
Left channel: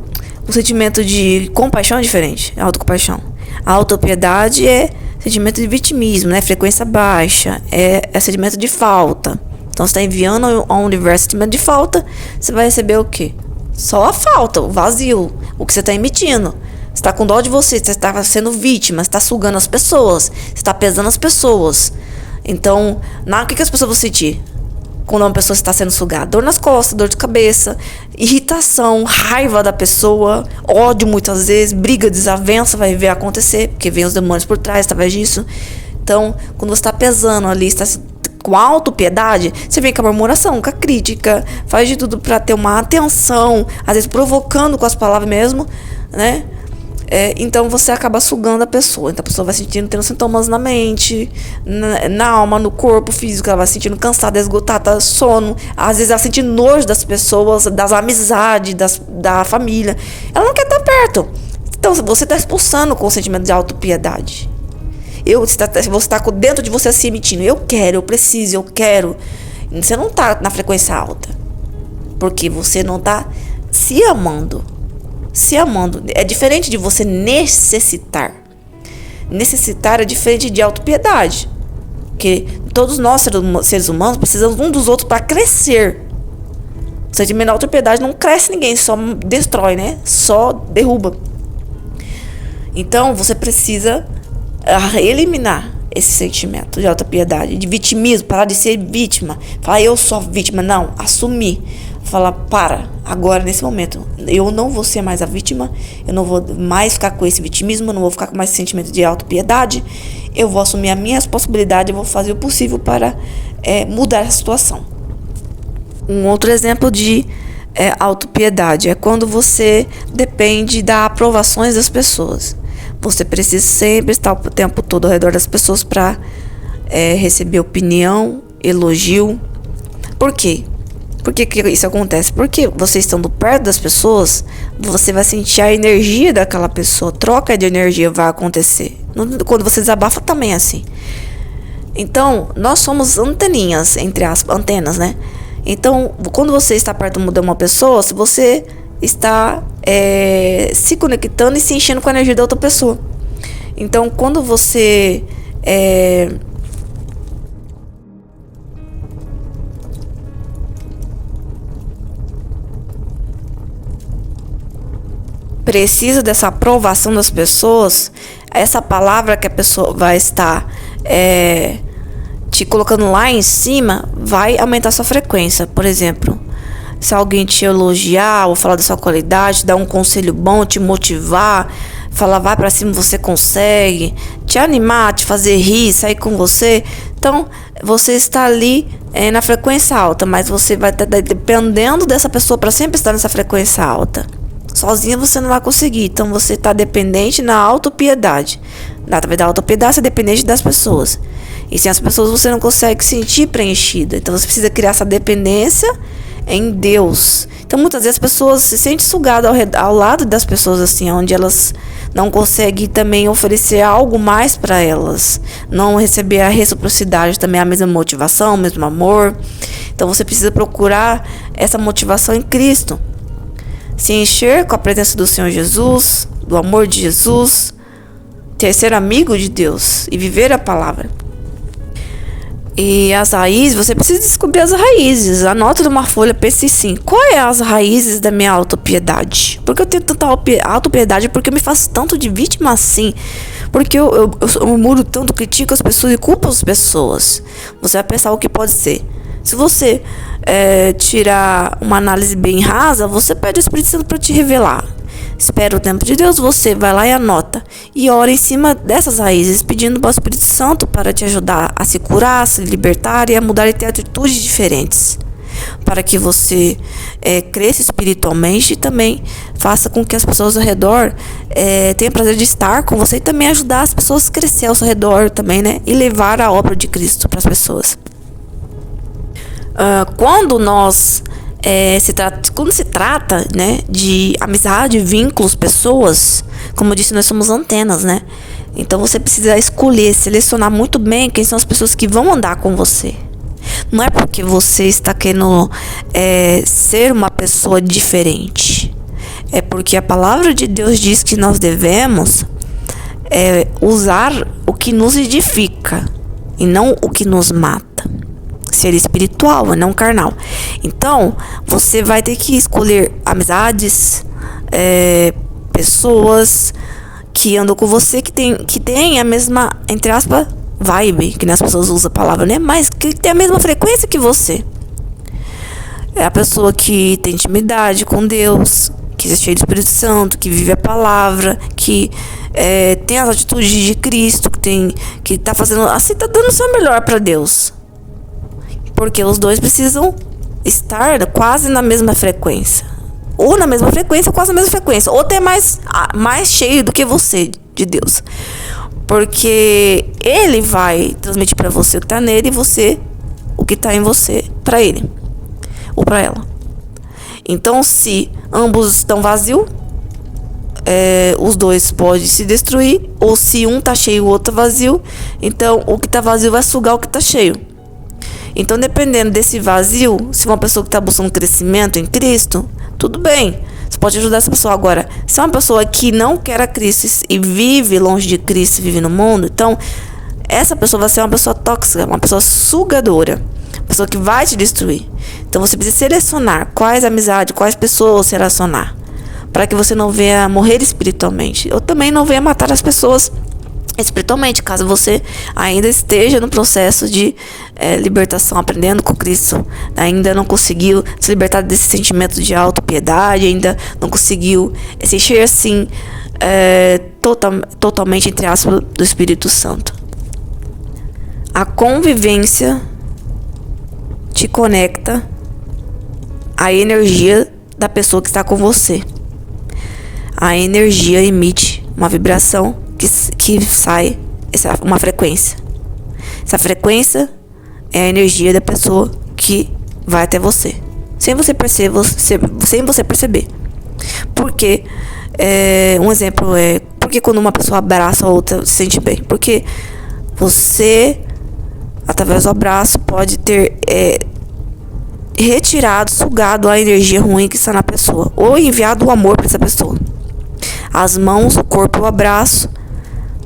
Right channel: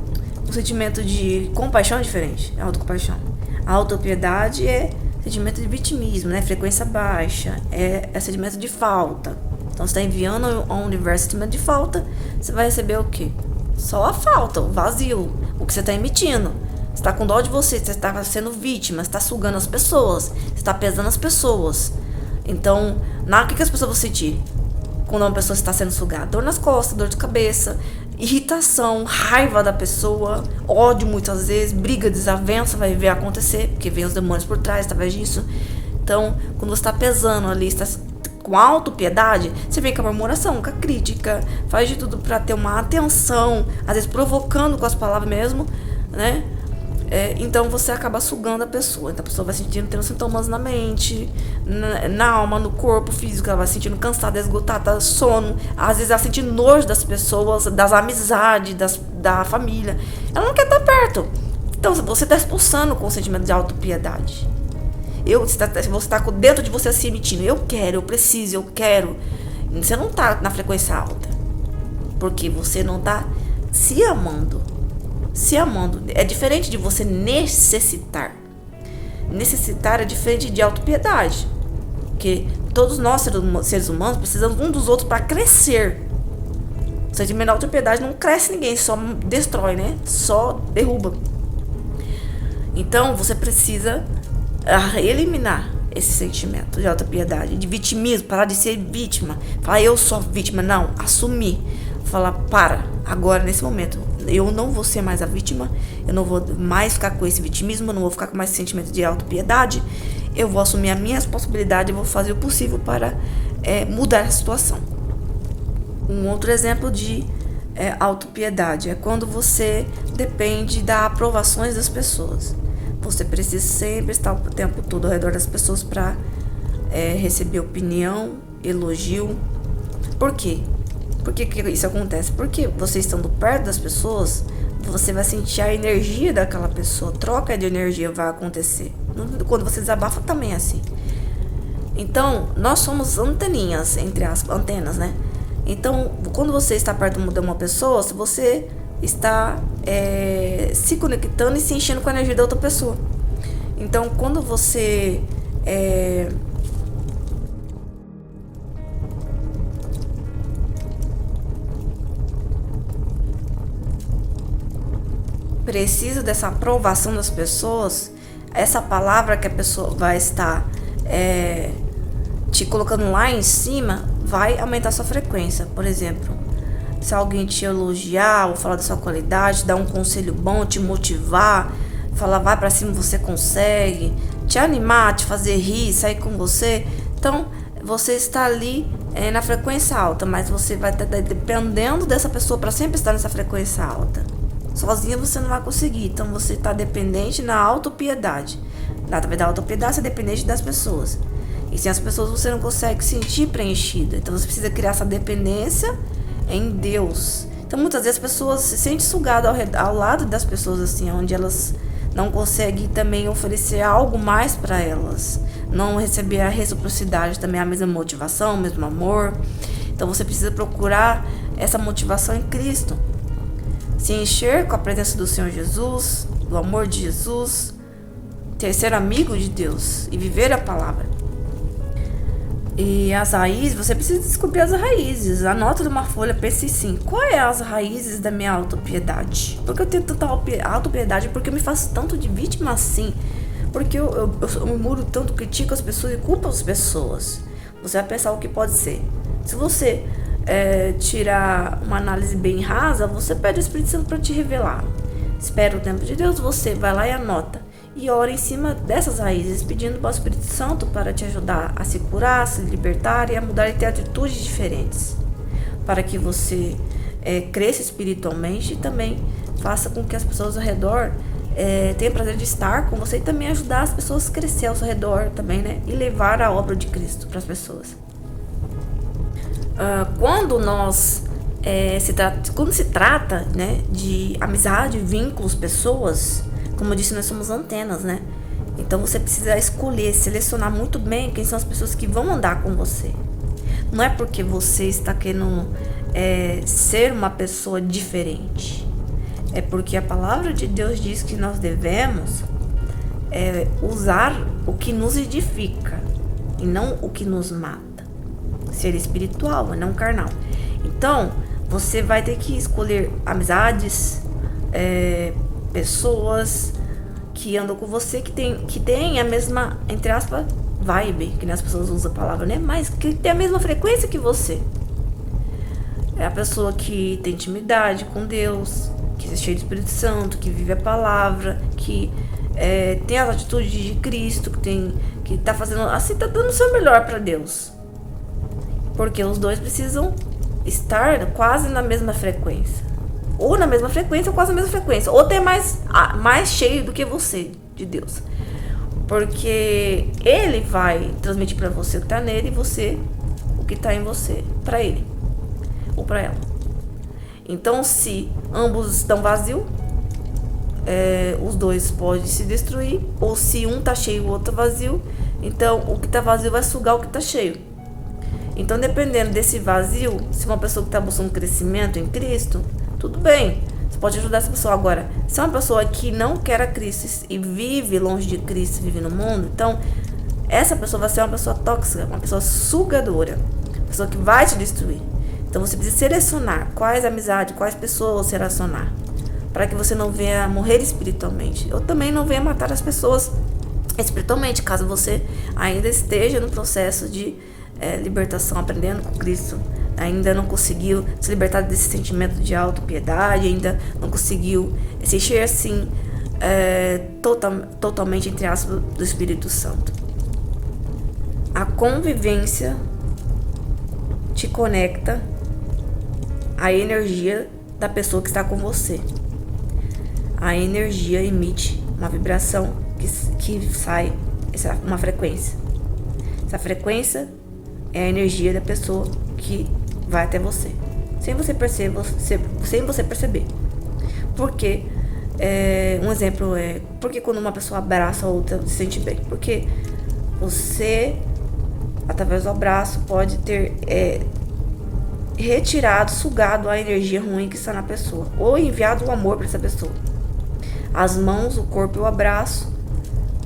sentimento de compaixão é diferente. A autocompaixão. A autopiedade é sentimento de vitimismo, né? Frequência baixa. É sentimento de falta. Então, você está enviando ao universo sentimento de falta, você vai receber o quê? Só a falta, o vazio, o que você está emitindo. Você está com dó de você está sendo vítima, você está sugando as pessoas, você está pesando as pessoas. Então, o que as pessoas vão sentir quando uma pessoa está sendo sugada? Dor nas costas, dor de cabeça, irritação, raiva da pessoa, ódio muitas vezes, briga, desavença vai ver acontecer, porque vem os demônios por trás, através disso. Então, quando você está pesando ali, está com autopiedade, você vem com a murmuração, com a crítica, faz de tudo para ter uma atenção, às vezes provocando com as palavras mesmo, né? Então você acaba sugando a pessoa. Então a pessoa vai tendo sintomas na mente, na alma, no corpo físico. Ela vai se sentindo cansada, esgotada, sono. Às vezes ela sente nojo das pessoas, das amizades, da família. Ela não quer estar perto. Então você está expulsando com o sentimento de autopiedade. Você está dentro de você se emitindo: eu quero, eu preciso, eu quero. Você não está na frequência alta, porque você não está se amando. Se amando é diferente de você necessitar. Necessitar é diferente de autopiedade, porque todos nós, seres humanos, precisamos um dos outros para crescer. O sentimento de autopiedade não cresce ninguém, só destrói, né? Só derruba. Então você precisa eliminar esse sentimento de autopiedade, de vitimismo, parar de ser vítima. Falar: eu sou vítima. Não, assumir. Falar: agora, nesse momento, eu não vou ser mais a vítima, eu não vou mais ficar com esse vitimismo, eu não vou ficar com mais esse sentimento de autopiedade, eu vou assumir as minhas possibilidades, eu vou fazer o possível para mudar a situação. Um outro exemplo de autopiedade é quando você depende das aprovações das pessoas. Você precisa sempre estar o tempo todo ao redor das pessoas para receber opinião, elogio. Por quê? Por que isso acontece? Porque você estando perto das pessoas, você vai sentir a energia daquela pessoa. Troca de energia vai acontecer. Quando você desabafa também é assim. Então, nós somos anteninhas, entre as antenas, né? Então, quando você está perto de uma pessoa, se você está se conectando e se enchendo com a energia da outra pessoa. Então, quando você precisa dessa aprovação das pessoas, essa palavra que a pessoa vai estar te colocando lá em cima vai aumentar sua frequência. Por exemplo, se alguém te elogiar ou falar da sua qualidade, dar um conselho bom, te motivar, falar: vai pra cima, você consegue, te animar, te fazer rir, sair com você. Então, você está ali na frequência alta, mas você vai estar dependendo dessa pessoa para sempre estar nessa frequência alta. Sozinha você não vai conseguir. Então você está dependente na autopiedade. Através da autopiedade você é dependente das pessoas. E sem as pessoas você não consegue se sentir preenchida. Então você precisa criar essa dependência em Deus. Então muitas vezes as pessoas se sentem sugadas ao lado das pessoas, assim, onde elas não conseguem também oferecer algo mais para elas. Não receber a reciprocidade, também a mesma motivação, o mesmo amor. Então você precisa procurar essa motivação em Cristo. Se encher com a presença do Senhor Jesus, do amor de Jesus, ser amigo de Deus e viver a palavra. E as raízes, você precisa descobrir as raízes. Anota numa folha, pense assim: qual é as raízes da minha autopiedade? Porque eu tenho tanta autopiedade? Porque eu me faço tanto de vítima assim? Porque eu murmuro tanto, critico as pessoas e culpo as pessoas? Você vai pensar o que pode ser. Se você tirar uma análise bem rasa, você pede o Espírito Santo para te revelar. Espera o tempo de Deus, você vai lá e anota. E ora em cima dessas raízes, pedindo para o Espírito Santo para te ajudar a se curar, a se libertar e a mudar e ter atitudes diferentes. Para que você cresça espiritualmente e também faça com que as pessoas ao redor tenham prazer de estar com você e também ajudar as pessoas a crescer ao seu redor também, né? E levar a obra de Cristo para as pessoas. Quando se trata, né, de amizade, vínculos, pessoas, como eu disse, nós somos antenas, né? Então você precisa escolher, selecionar muito bem quem são as pessoas que vão andar com você. Não é porque você está querendo ser uma pessoa diferente. É porque a palavra de Deus diz que nós devemos usar o que nos edifica e não o que nos mata. Ser espiritual, não carnal. Então, você vai ter que escolher amizades, pessoas que andam com você, que tem a mesma, entre aspas, vibe, que as pessoas usam a palavra, né? Mas que tem a mesma frequência que você. É a pessoa que tem intimidade com Deus, que é cheia do Espírito Santo, que vive a palavra, que tem as atitudes de Cristo, que tá fazendo, assim, tá dando o seu melhor para Deus. Porque os dois precisam estar quase na mesma frequência. ou na mesma frequência, quase na mesma frequência, ou até mais cheio do que você de Deus. Porque ele vai transmitir para você o que tá nele e você o que tá em você para ele ou para ela. Então, se ambos estão vazios, os dois podem se destruir, ou se um tá cheio e o outro tá vazio, então o que tá vazio vai sugar o que tá cheio. Então, dependendo desse vazio, se uma pessoa que tá buscando crescimento em Cristo, tudo bem, você pode ajudar essa pessoa. Agora, se é uma pessoa que não quer a Cristo e vive longe de Cristo, vive no mundo, então essa pessoa vai ser uma pessoa tóxica, uma pessoa sugadora, uma pessoa que vai te destruir. Então você precisa selecionar quais amizades, quais pessoas se relacionar, para que você não venha morrer espiritualmente, ou também não venha matar as pessoas espiritualmente, caso você ainda esteja no processo de libertação, aprendendo com Cristo, ainda não conseguiu se libertar desse sentimento de autopiedade, ainda não conseguiu se encher assim totalmente, entre aspas, do Espírito Santo. A convivência te conecta à energia da pessoa que está com você. A energia emite uma vibração que sai uma frequência. Essa frequência é a energia da pessoa que vai até você, sem você perceber. Porque um exemplo é porque quando uma pessoa abraça a outra se sente bem, porque você, através do abraço, pode ter retirado, sugado a energia ruim que está na pessoa, ou enviado o amor para essa pessoa. As mãos, o corpo, o abraço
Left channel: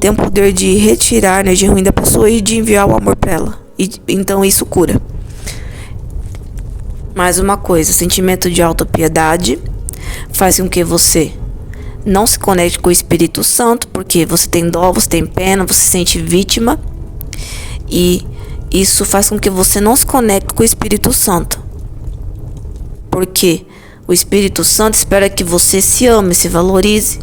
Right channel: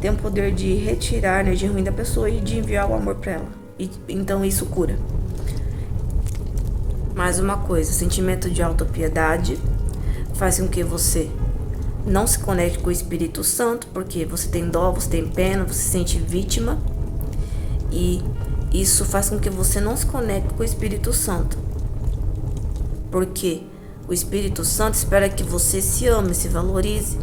tem o poder de retirar a energia ruim da pessoa e de enviar o amor para ela. Então isso cura. Mais uma coisa, sentimento de autopiedade faz com que você não se conecte com o Espírito Santo, porque você tem dó, você tem pena, você se sente vítima, e isso faz com que você não se conecte com o Espírito Santo, porque o Espírito Santo espera que você se ame, se valorize,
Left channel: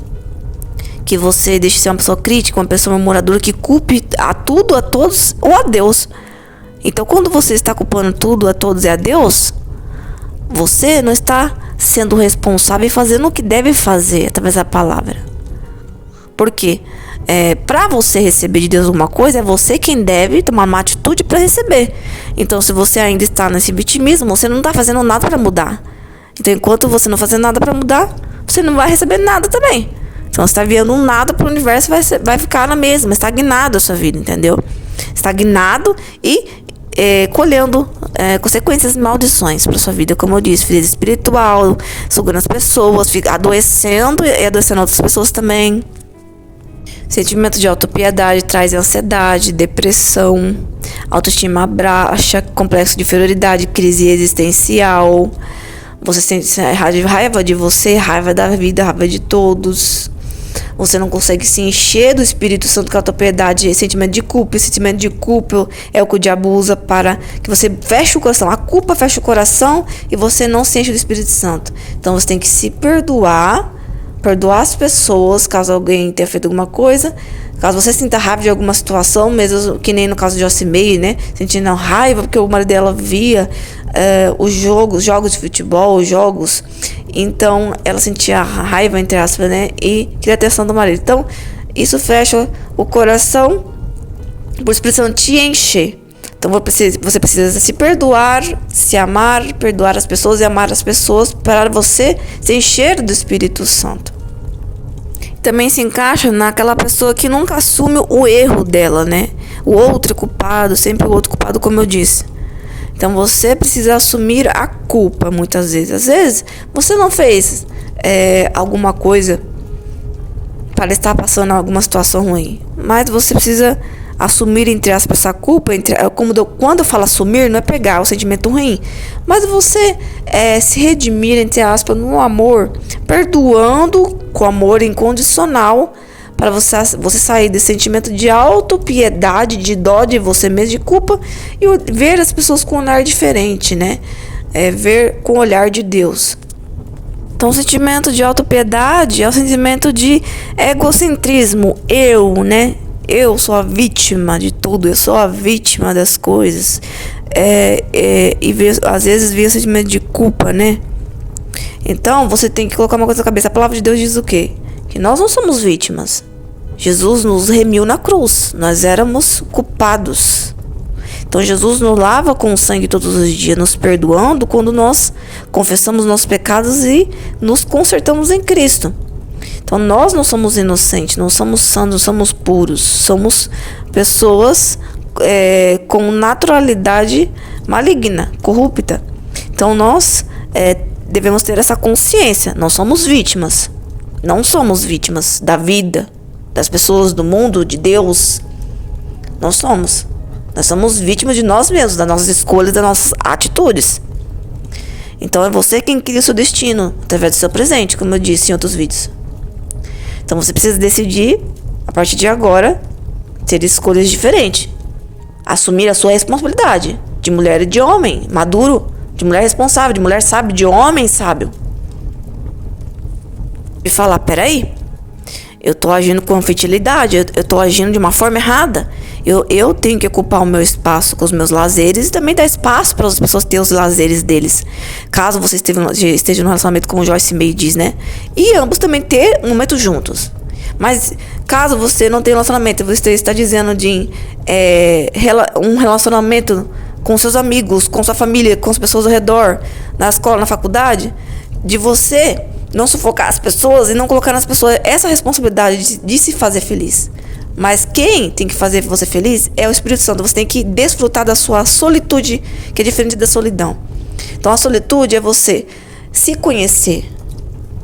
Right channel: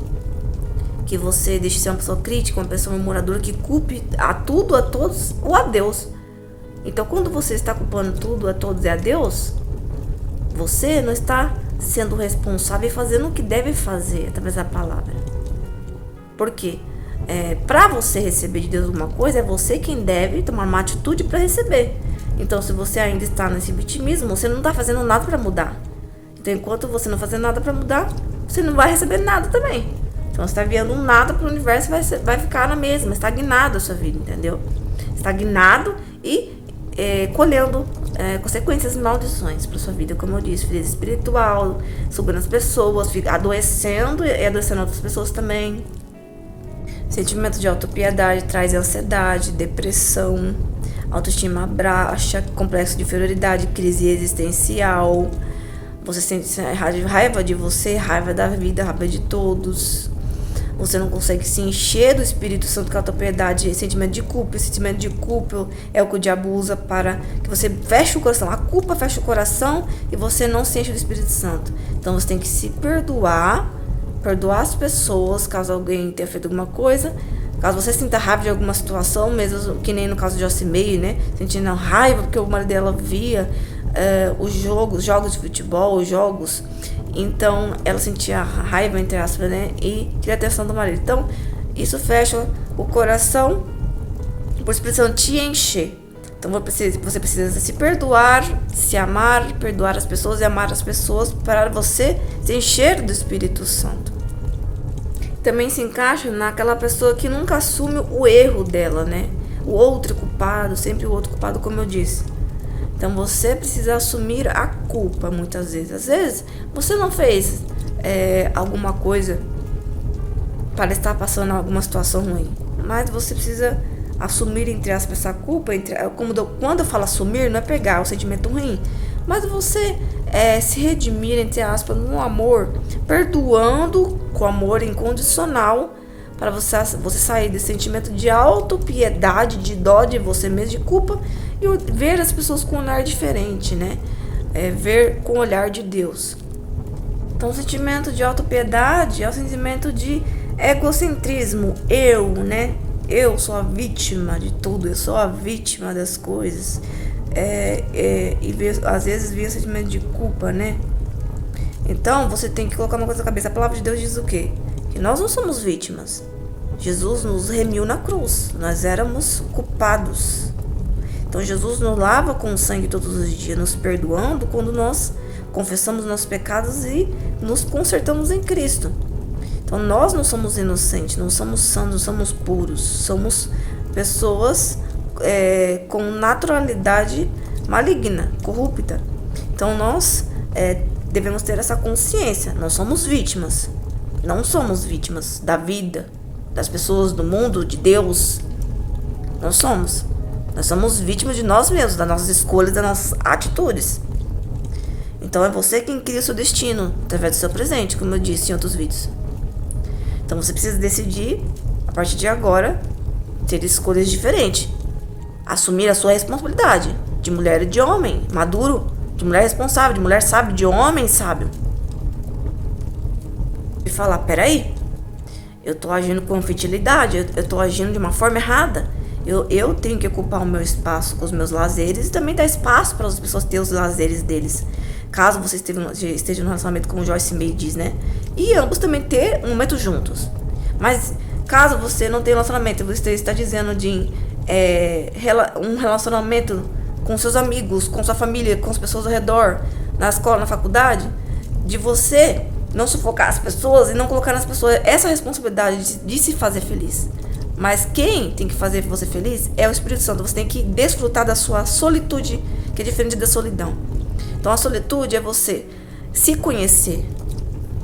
que você deixe de ser uma pessoa crítica, uma pessoa murmuradora, que culpe a tudo, a todos ou a Deus. Então, quando você está culpando tudo, a todos e a Deus, você não está sendo responsável e fazendo o que deve fazer através da palavra. Por quê? Para você receber de Deus alguma coisa, é você quem deve tomar uma atitude para receber. Então, se você ainda está nesse vitimismo, você não está fazendo nada para mudar. Então, enquanto você não fazer nada para mudar, você não vai receber nada também. Então, você está enviando um nada para o universo, vai ficar na mesma, estagnado a sua vida, entendeu? Estagnado e colhendo consequências e maldições para sua vida, como eu disse, frieza espiritual, sugando as pessoas, adoecendo e adoecendo outras pessoas também. Sentimento de autopiedade traz ansiedade, depressão, autoestima baixa, complexo de inferioridade, crise existencial. Você sente raiva de você, raiva da vida, raiva de todos. Você não consegue se encher do Espírito Santo, com a autopiedade, sentimento de culpa. Esse sentimento de culpa é o que o diabo usa para que você feche o coração. A culpa fecha o coração e você não se enche do Espírito Santo. Então você tem que se perdoar as pessoas, caso alguém tenha feito alguma coisa. Caso você sinta raiva de alguma situação, mesmo que nem no caso de Jocimei, né? Sentindo raiva porque o marido dela via os jogos de futebol, então ela sentia raiva, entre aspas, né? E queria atenção do marido. Então isso fecha o coração, por isso precisa te encher. Então você precisa se perdoar, se amar, perdoar as pessoas e amar as pessoas para você se encher do Espírito Santo. Também se encaixa naquela pessoa que nunca assume o erro dela, né? O outro é culpado, sempre o outro culpado, como eu disse. Então você precisa assumir a culpa muitas vezes. Às vezes você não fez alguma coisa para estar passando alguma situação ruim, mas você precisa assumir, entre aspas, essa culpa. Quando eu falo assumir, não é pegar o sentimento ruim, mas você se redimir, entre aspas, no amor, perdoando com amor incondicional, para você sair desse sentimento de autopiedade, de dó de você mesmo, de culpa, e ver as pessoas com um olhar diferente, né? Ver com o olhar de Deus. Então, o sentimento de autopiedade é o sentimento de egocentrismo. Né? Eu sou a vítima de tudo, eu sou a vítima das coisas. E às vezes vem o sentimento de culpa, né? Então, você tem que colocar uma coisa na cabeça. A palavra de Deus diz o quê? Que nós não somos vítimas. Jesus nos remiu na cruz. Nós éramos culpados. Então, Jesus nos lava com o sangue todos os dias, nos perdoando quando nós confessamos nossos pecados e nos consertamos em Cristo. Então, nós não somos inocentes, não somos santos, não somos puros. Somos pessoas com naturalidade maligna, corrupta. Então, nós devemos ter essa consciência. Nós somos vítimas. Não somos vítimas da vida, das pessoas, do mundo, de Deus. Nós somos vítimas de nós mesmos, das nossas escolhas, das nossas atitudes. Então é você quem cria o seu destino, através do seu presente, como eu disse em outros vídeos. Então você precisa decidir, a partir de agora, ter escolhas diferentes. Assumir a sua responsabilidade, de mulher e de homem, maduro, de mulher responsável, de mulher sábia, de homem sábio. E falar, peraí, eu tô agindo com infantilidade, eu tô agindo de uma forma errada. Eu tenho que ocupar o meu espaço com os meus lazeres e também dar espaço para as pessoas terem os lazeres deles. Caso você esteja no relacionamento, como Joyce Meyer diz, né? E ambos também ter um momento juntos. Mas caso você não tenha relacionamento, você está dizendo de um relacionamento com seus amigos, com sua família, com as pessoas ao redor, na escola, na faculdade, de você não sufocar as pessoas e não colocar nas pessoas essa responsabilidade de se fazer feliz. Mas quem tem que fazer você feliz é o Espírito Santo. Você tem que desfrutar da sua solitude, que é diferente da solidão. Então a solitude é você se conhecer,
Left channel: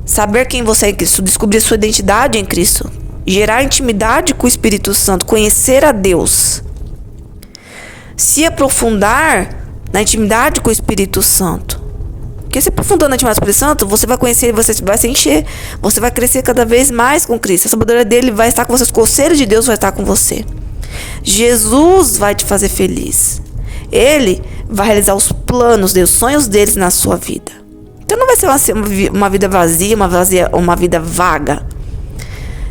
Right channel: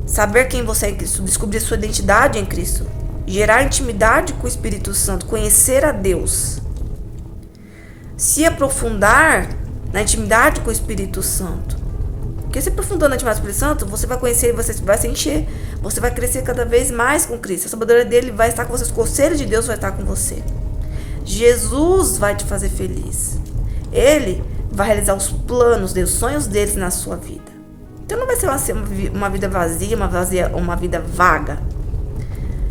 saber quem você é em Cristo, descobrir sua identidade em Cristo, gerar intimidade com o Espírito Santo, conhecer a Deus, se aprofundar na intimidade com o Espírito Santo. Porque se aprofundando na intimidade com o Espírito Santo, você vai conhecer, você vai se encher, você vai crescer cada vez mais com Cristo. A sabedoria dele vai estar com você, o conselho de Deus vai estar com você. Jesus vai te fazer feliz. Ele vai realizar os planos os sonhos deles na sua vida. Então não vai ser uma vida vazia, uma vida vaga.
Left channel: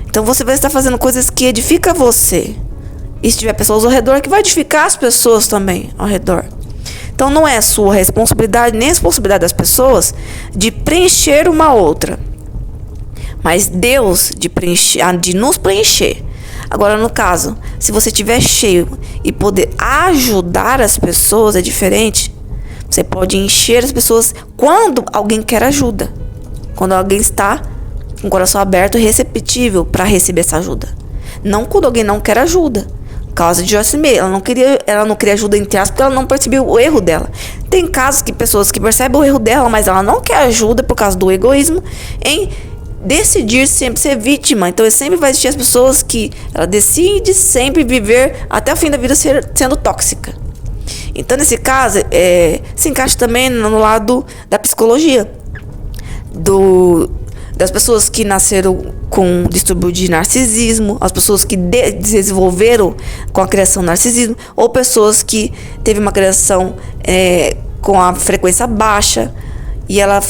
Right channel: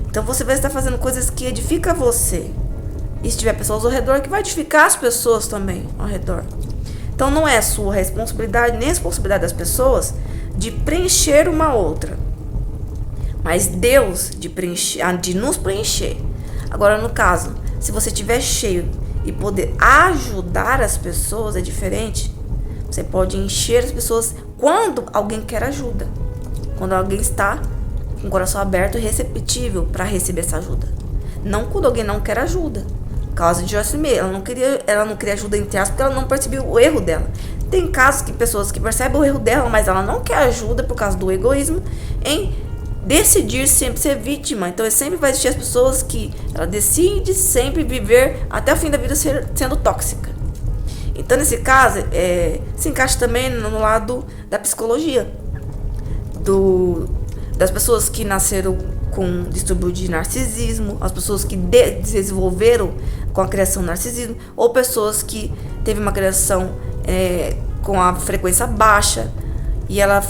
Então você vai estar fazendo coisas que edificam você. E se tiver pessoas ao redor, que vai edificar as pessoas também ao redor. Então não é sua responsabilidade, nem a responsabilidade das pessoas de preencher uma outra. Mas Deus de nos preencher. Agora, no caso, se você estiver cheio e poder ajudar as pessoas, é diferente. Você pode encher as pessoas quando alguém quer ajuda. Quando alguém está com o coração aberto e receptível para receber essa ajuda. Não quando alguém não quer ajuda. Causa de Joyce Meyer, ela não queria ajuda entre aspas porque ela não percebeu o erro dela. Tem casos que pessoas que percebem o erro dela, mas ela não quer ajuda por causa do egoísmo em decidir sempre ser vítima. Então sempre vai existir as pessoas que ela decide sempre viver até o fim da vida sendo tóxica. Então nesse caso se encaixa também no lado da psicologia das pessoas que nasceram com distúrbio de narcisismo, as pessoas que desenvolveram com a criação narcisismo, ou pessoas que teve uma criação com a frequência baixa e ela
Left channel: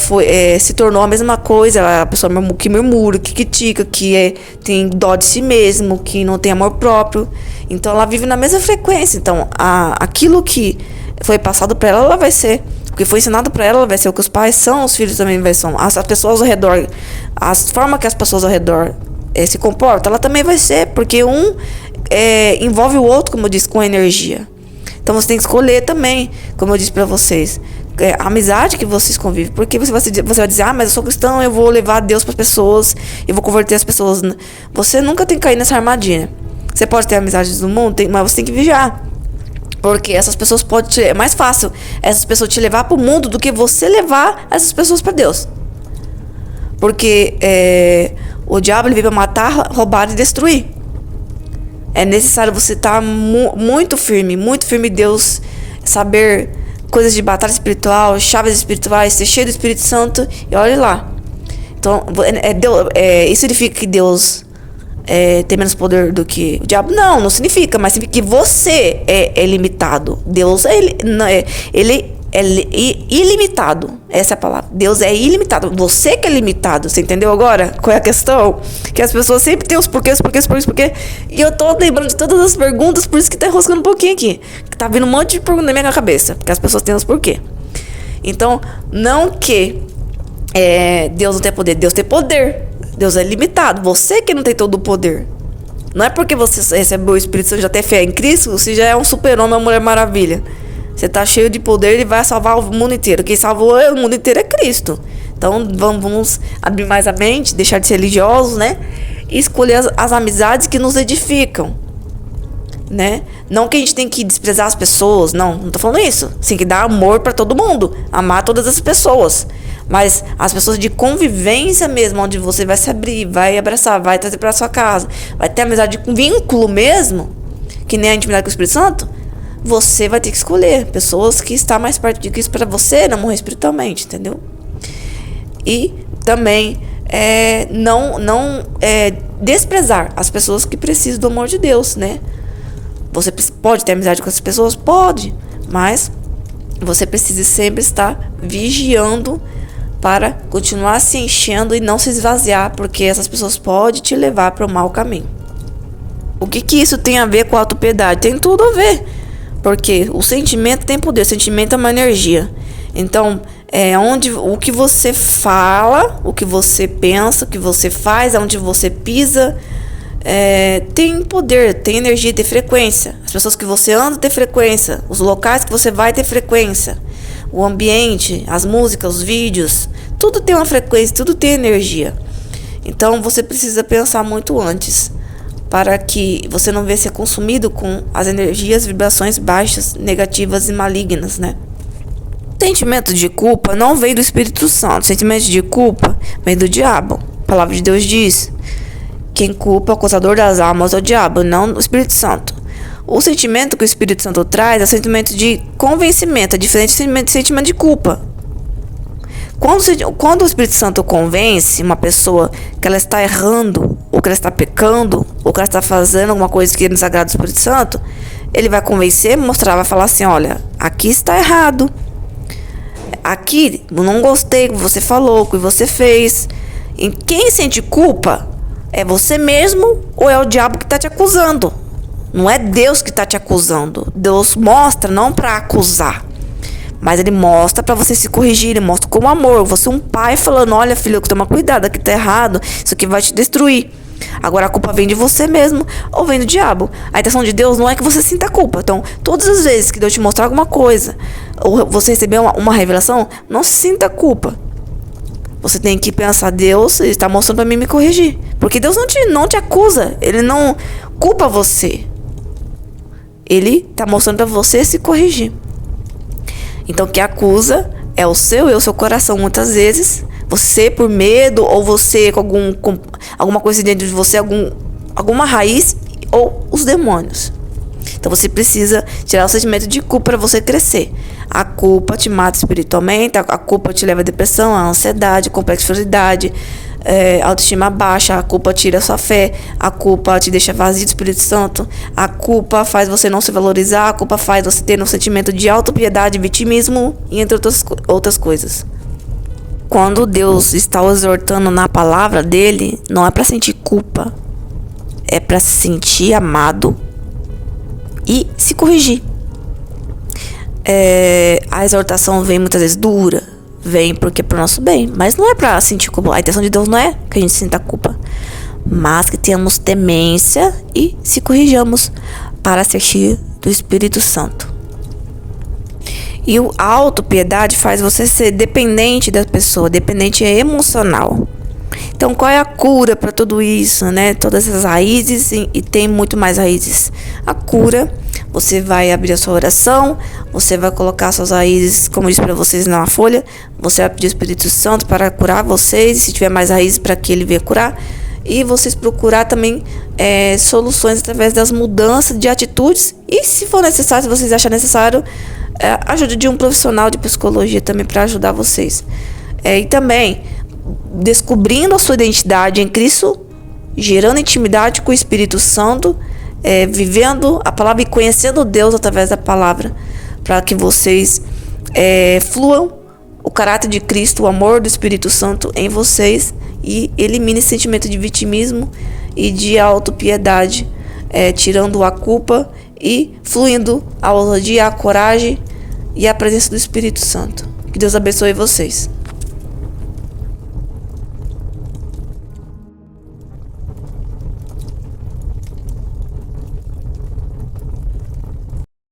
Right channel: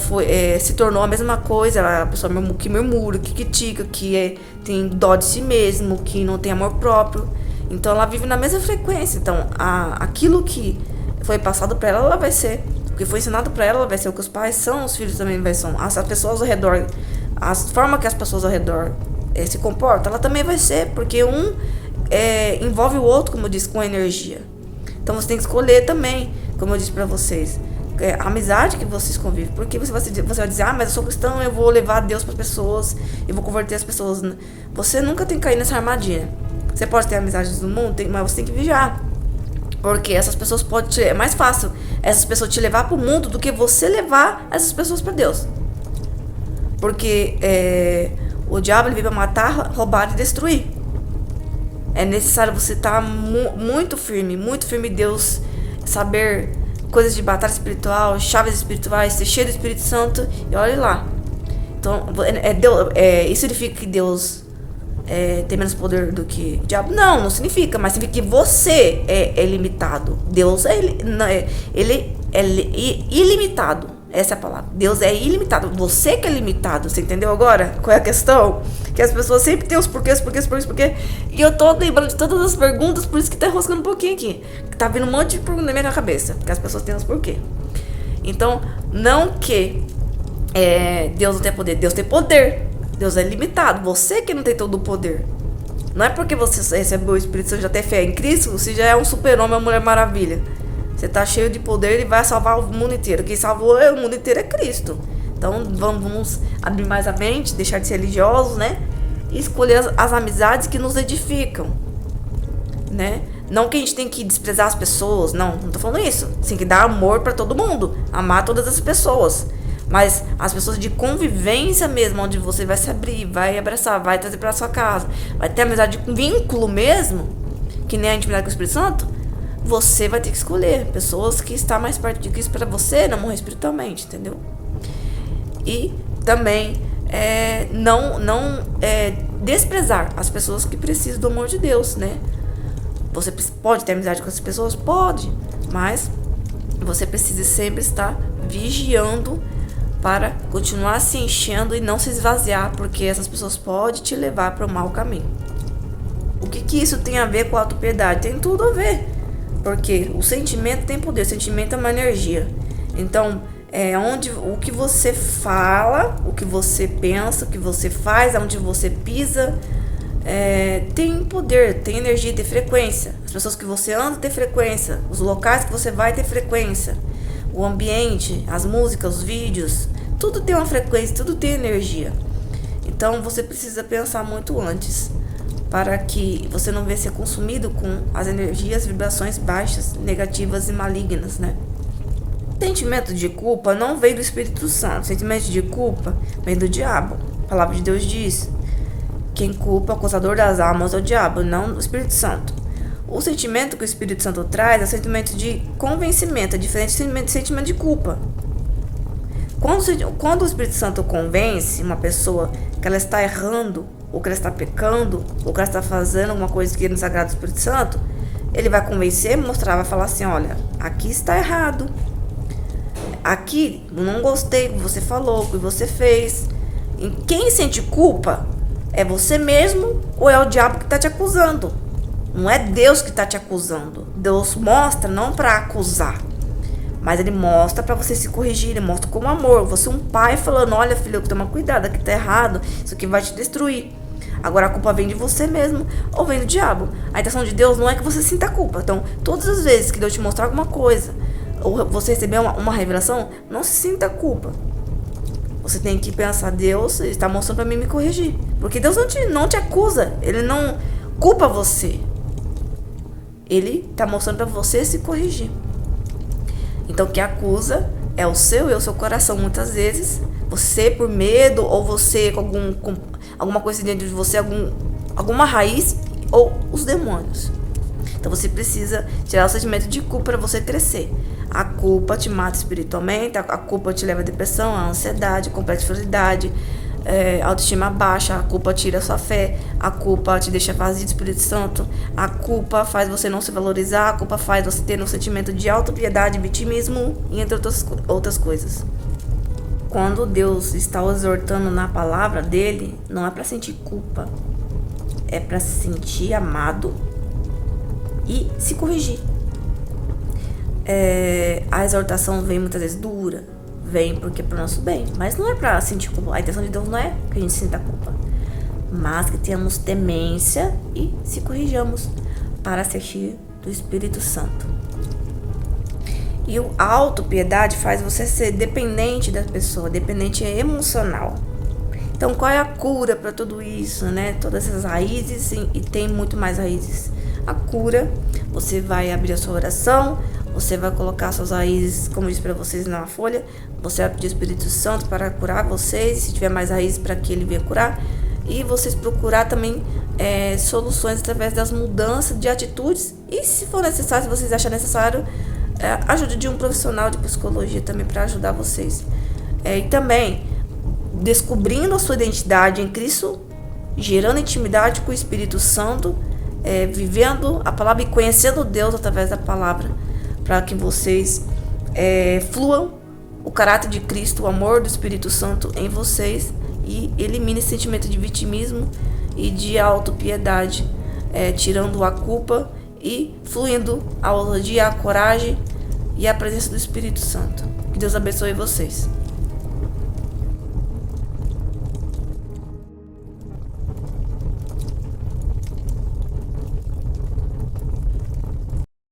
se tornou a mesma coisa. Ela é a pessoa que murmura, que critica, que tem dó de si mesmo, que não tem amor próprio. Então ela vive na mesma frequência. Então aquilo que foi passado para ela vai ser. O que foi ensinado para ela vai ser o que os pais são, os filhos também vai ser. As pessoas ao redor, a forma que as pessoas ao redor se comportam, ela também vai ser, porque envolve o outro, como eu disse, com energia. Então você tem que escolher também, como eu disse para vocês, a amizade que vocês convivem. Porque você vai dizer, mas eu sou cristão, eu vou levar Deus para as pessoas, eu vou converter as pessoas. Você nunca tem que cair nessa armadilha. Você pode ter amizades do mundo, mas você tem que vigiar. Porque essas pessoas é mais fácil essas pessoas te levar para o mundo do que você levar essas pessoas para Deus. Porque o diabo ele veio para matar, roubar e destruir. É necessário você estar muito firme Deus, saber coisas de batalha espiritual, chaves espirituais, ser cheio do Espírito Santo e olhe lá. Então, isso significa que Deus tem menos poder do que o diabo? Não significa, mas significa que você é limitado. Deus ele é ilimitado. Essa é a palavra. Deus é ilimitado. Você que é limitado. Você entendeu agora qual é a questão? Que as pessoas sempre têm os porquês. E eu tô lembrando de todas as perguntas, por isso que tá enroscando um pouquinho aqui. Tá vindo um monte de perguntas na minha cabeça, porque as pessoas têm os porquês. Então, não que Deus não tem poder. Deus tem poder. Deus é limitado. Você que não tem todo o poder. Não é porque você recebeu o Espírito Santo, já tem fé em Cristo, você já é um super-homem, uma Mulher Maravilha. Você tá cheio de poder e vai salvar o mundo inteiro. Quem salvou o mundo inteiro é Cristo. Então vamos abrir mais a mente, deixar de ser religiosos, né? E escolher as amizades que nos edificam, né? Não que a gente tem que desprezar as pessoas, não tô falando isso. Você tem que dar amor para todo mundo, amar todas as pessoas. Mas as pessoas de convivência mesmo, onde você vai se abrir, vai abraçar, vai trazer para sua casa, vai ter amizade com vínculo mesmo, que nem a intimidade com o Espírito Santo, você vai ter que escolher pessoas que estão mais perto de Cristo para você não morrer espiritualmente, entendeu? E também não desprezar as pessoas que precisam do amor de Deus, né? Você pode ter amizade com essas pessoas? Pode, mas você precisa sempre estar vigiando para continuar se enchendo e não se esvaziar, porque essas pessoas podem te levar para o mau caminho. O que isso tem a ver com a autopiedade? Tem tudo a ver, porque o sentimento tem poder, o sentimento é uma energia. Então, o que você fala, o que você pensa, o que você faz, onde você pisa, tem poder, tem energia, tem frequência. As pessoas que você anda tem frequência, os locais que você vai ter frequência, o ambiente, as músicas, os vídeos, tudo tem uma frequência, tudo tem energia. Então você precisa pensar muito antes, para que você não venha ser consumido com as energias, vibrações baixas, negativas e malignas, né? Sentimento de culpa não veio do Espírito Santo. Sentimento de culpa vem do diabo. A palavra de Deus diz: quem culpa, o acusador das almas, é o diabo, não o Espírito Santo. O sentimento que o Espírito Santo traz é o sentimento de convencimento, é diferente do sentimento de culpa. Quando o Espírito Santo convence uma pessoa que ela está errando, ou que ela está pecando, ou que ela está fazendo alguma coisa que não desagrada do Espírito Santo, ele vai convencer, mostrar, vai falar assim: olha, aqui está errado. Aqui, eu não gostei do que você falou, do que você fez. E quem sente culpa é você mesmo ou é o diabo que está te acusando? Não é Deus que está te acusando. Deus mostra não para acusar, mas ele mostra para você se corrigir. Ele mostra com amor. Você é um pai falando: olha, filho, toma cuidado, aqui tá errado, isso aqui vai te destruir. Agora a culpa vem de você mesmo ou vem do diabo. A intenção de Deus não é que você sinta culpa. Então, todas as vezes que Deus te mostrar alguma coisa, ou você receber uma revelação, não sinta culpa. Você tem que pensar: Deus está mostrando para mim me corrigir. Porque Deus não te acusa. Ele não culpa você. Ele está mostrando para você se corrigir. Então, o que acusa é o seu e o seu coração. Muitas vezes, você por medo, ou você com alguma coisa dentro de você, alguma raiz, ou os demônios. Então, você precisa tirar o sentimento de culpa para você crescer. A culpa te mata espiritualmente, a culpa te leva à depressão, à ansiedade, complexidade, autoestima baixa. A culpa tira a sua fé, a culpa te deixa vazio do Espírito Santo, a culpa faz você não se valorizar, a culpa faz você ter um sentimento de autopiedade, vitimismo e entre outras coisas. Quando Deus está exortando na palavra dele, não é para sentir culpa, é para se sentir amado e se corrigir. A exortação vem muitas vezes dura, vem porque é pro nosso bem, mas não é pra sentir culpa. A intenção de Deus não é que a gente sinta culpa, mas que tenhamos temência e se corrijamos para ser cheio do Espírito Santo. E a autopiedade faz você ser dependente da pessoa, dependente emocional. Então, qual é a cura para tudo isso, né? Todas essas raízes, e tem muito mais raízes. A cura, você vai abrir a sua oração, você vai colocar suas raízes, como eu disse para vocês na folha, você vai pedir o Espírito Santo para curar vocês, se tiver mais raízes, para que ele venha curar. E vocês procurar também soluções através das mudanças de atitudes. E se for necessário, se vocês acharem necessário, ajuda de um profissional de psicologia também para ajudar vocês. E também descobrindo a sua identidade em Cristo, gerando intimidade com o Espírito Santo, vivendo a palavra e conhecendo Deus através da palavra, para que vocês fluam o caráter de Cristo, o amor do Espírito Santo em vocês, e elimine esse sentimento de vitimismo e de autopiedade, tirando a culpa e fluindo a ousadia, a coragem e a presença do Espírito Santo. Que Deus abençoe vocês.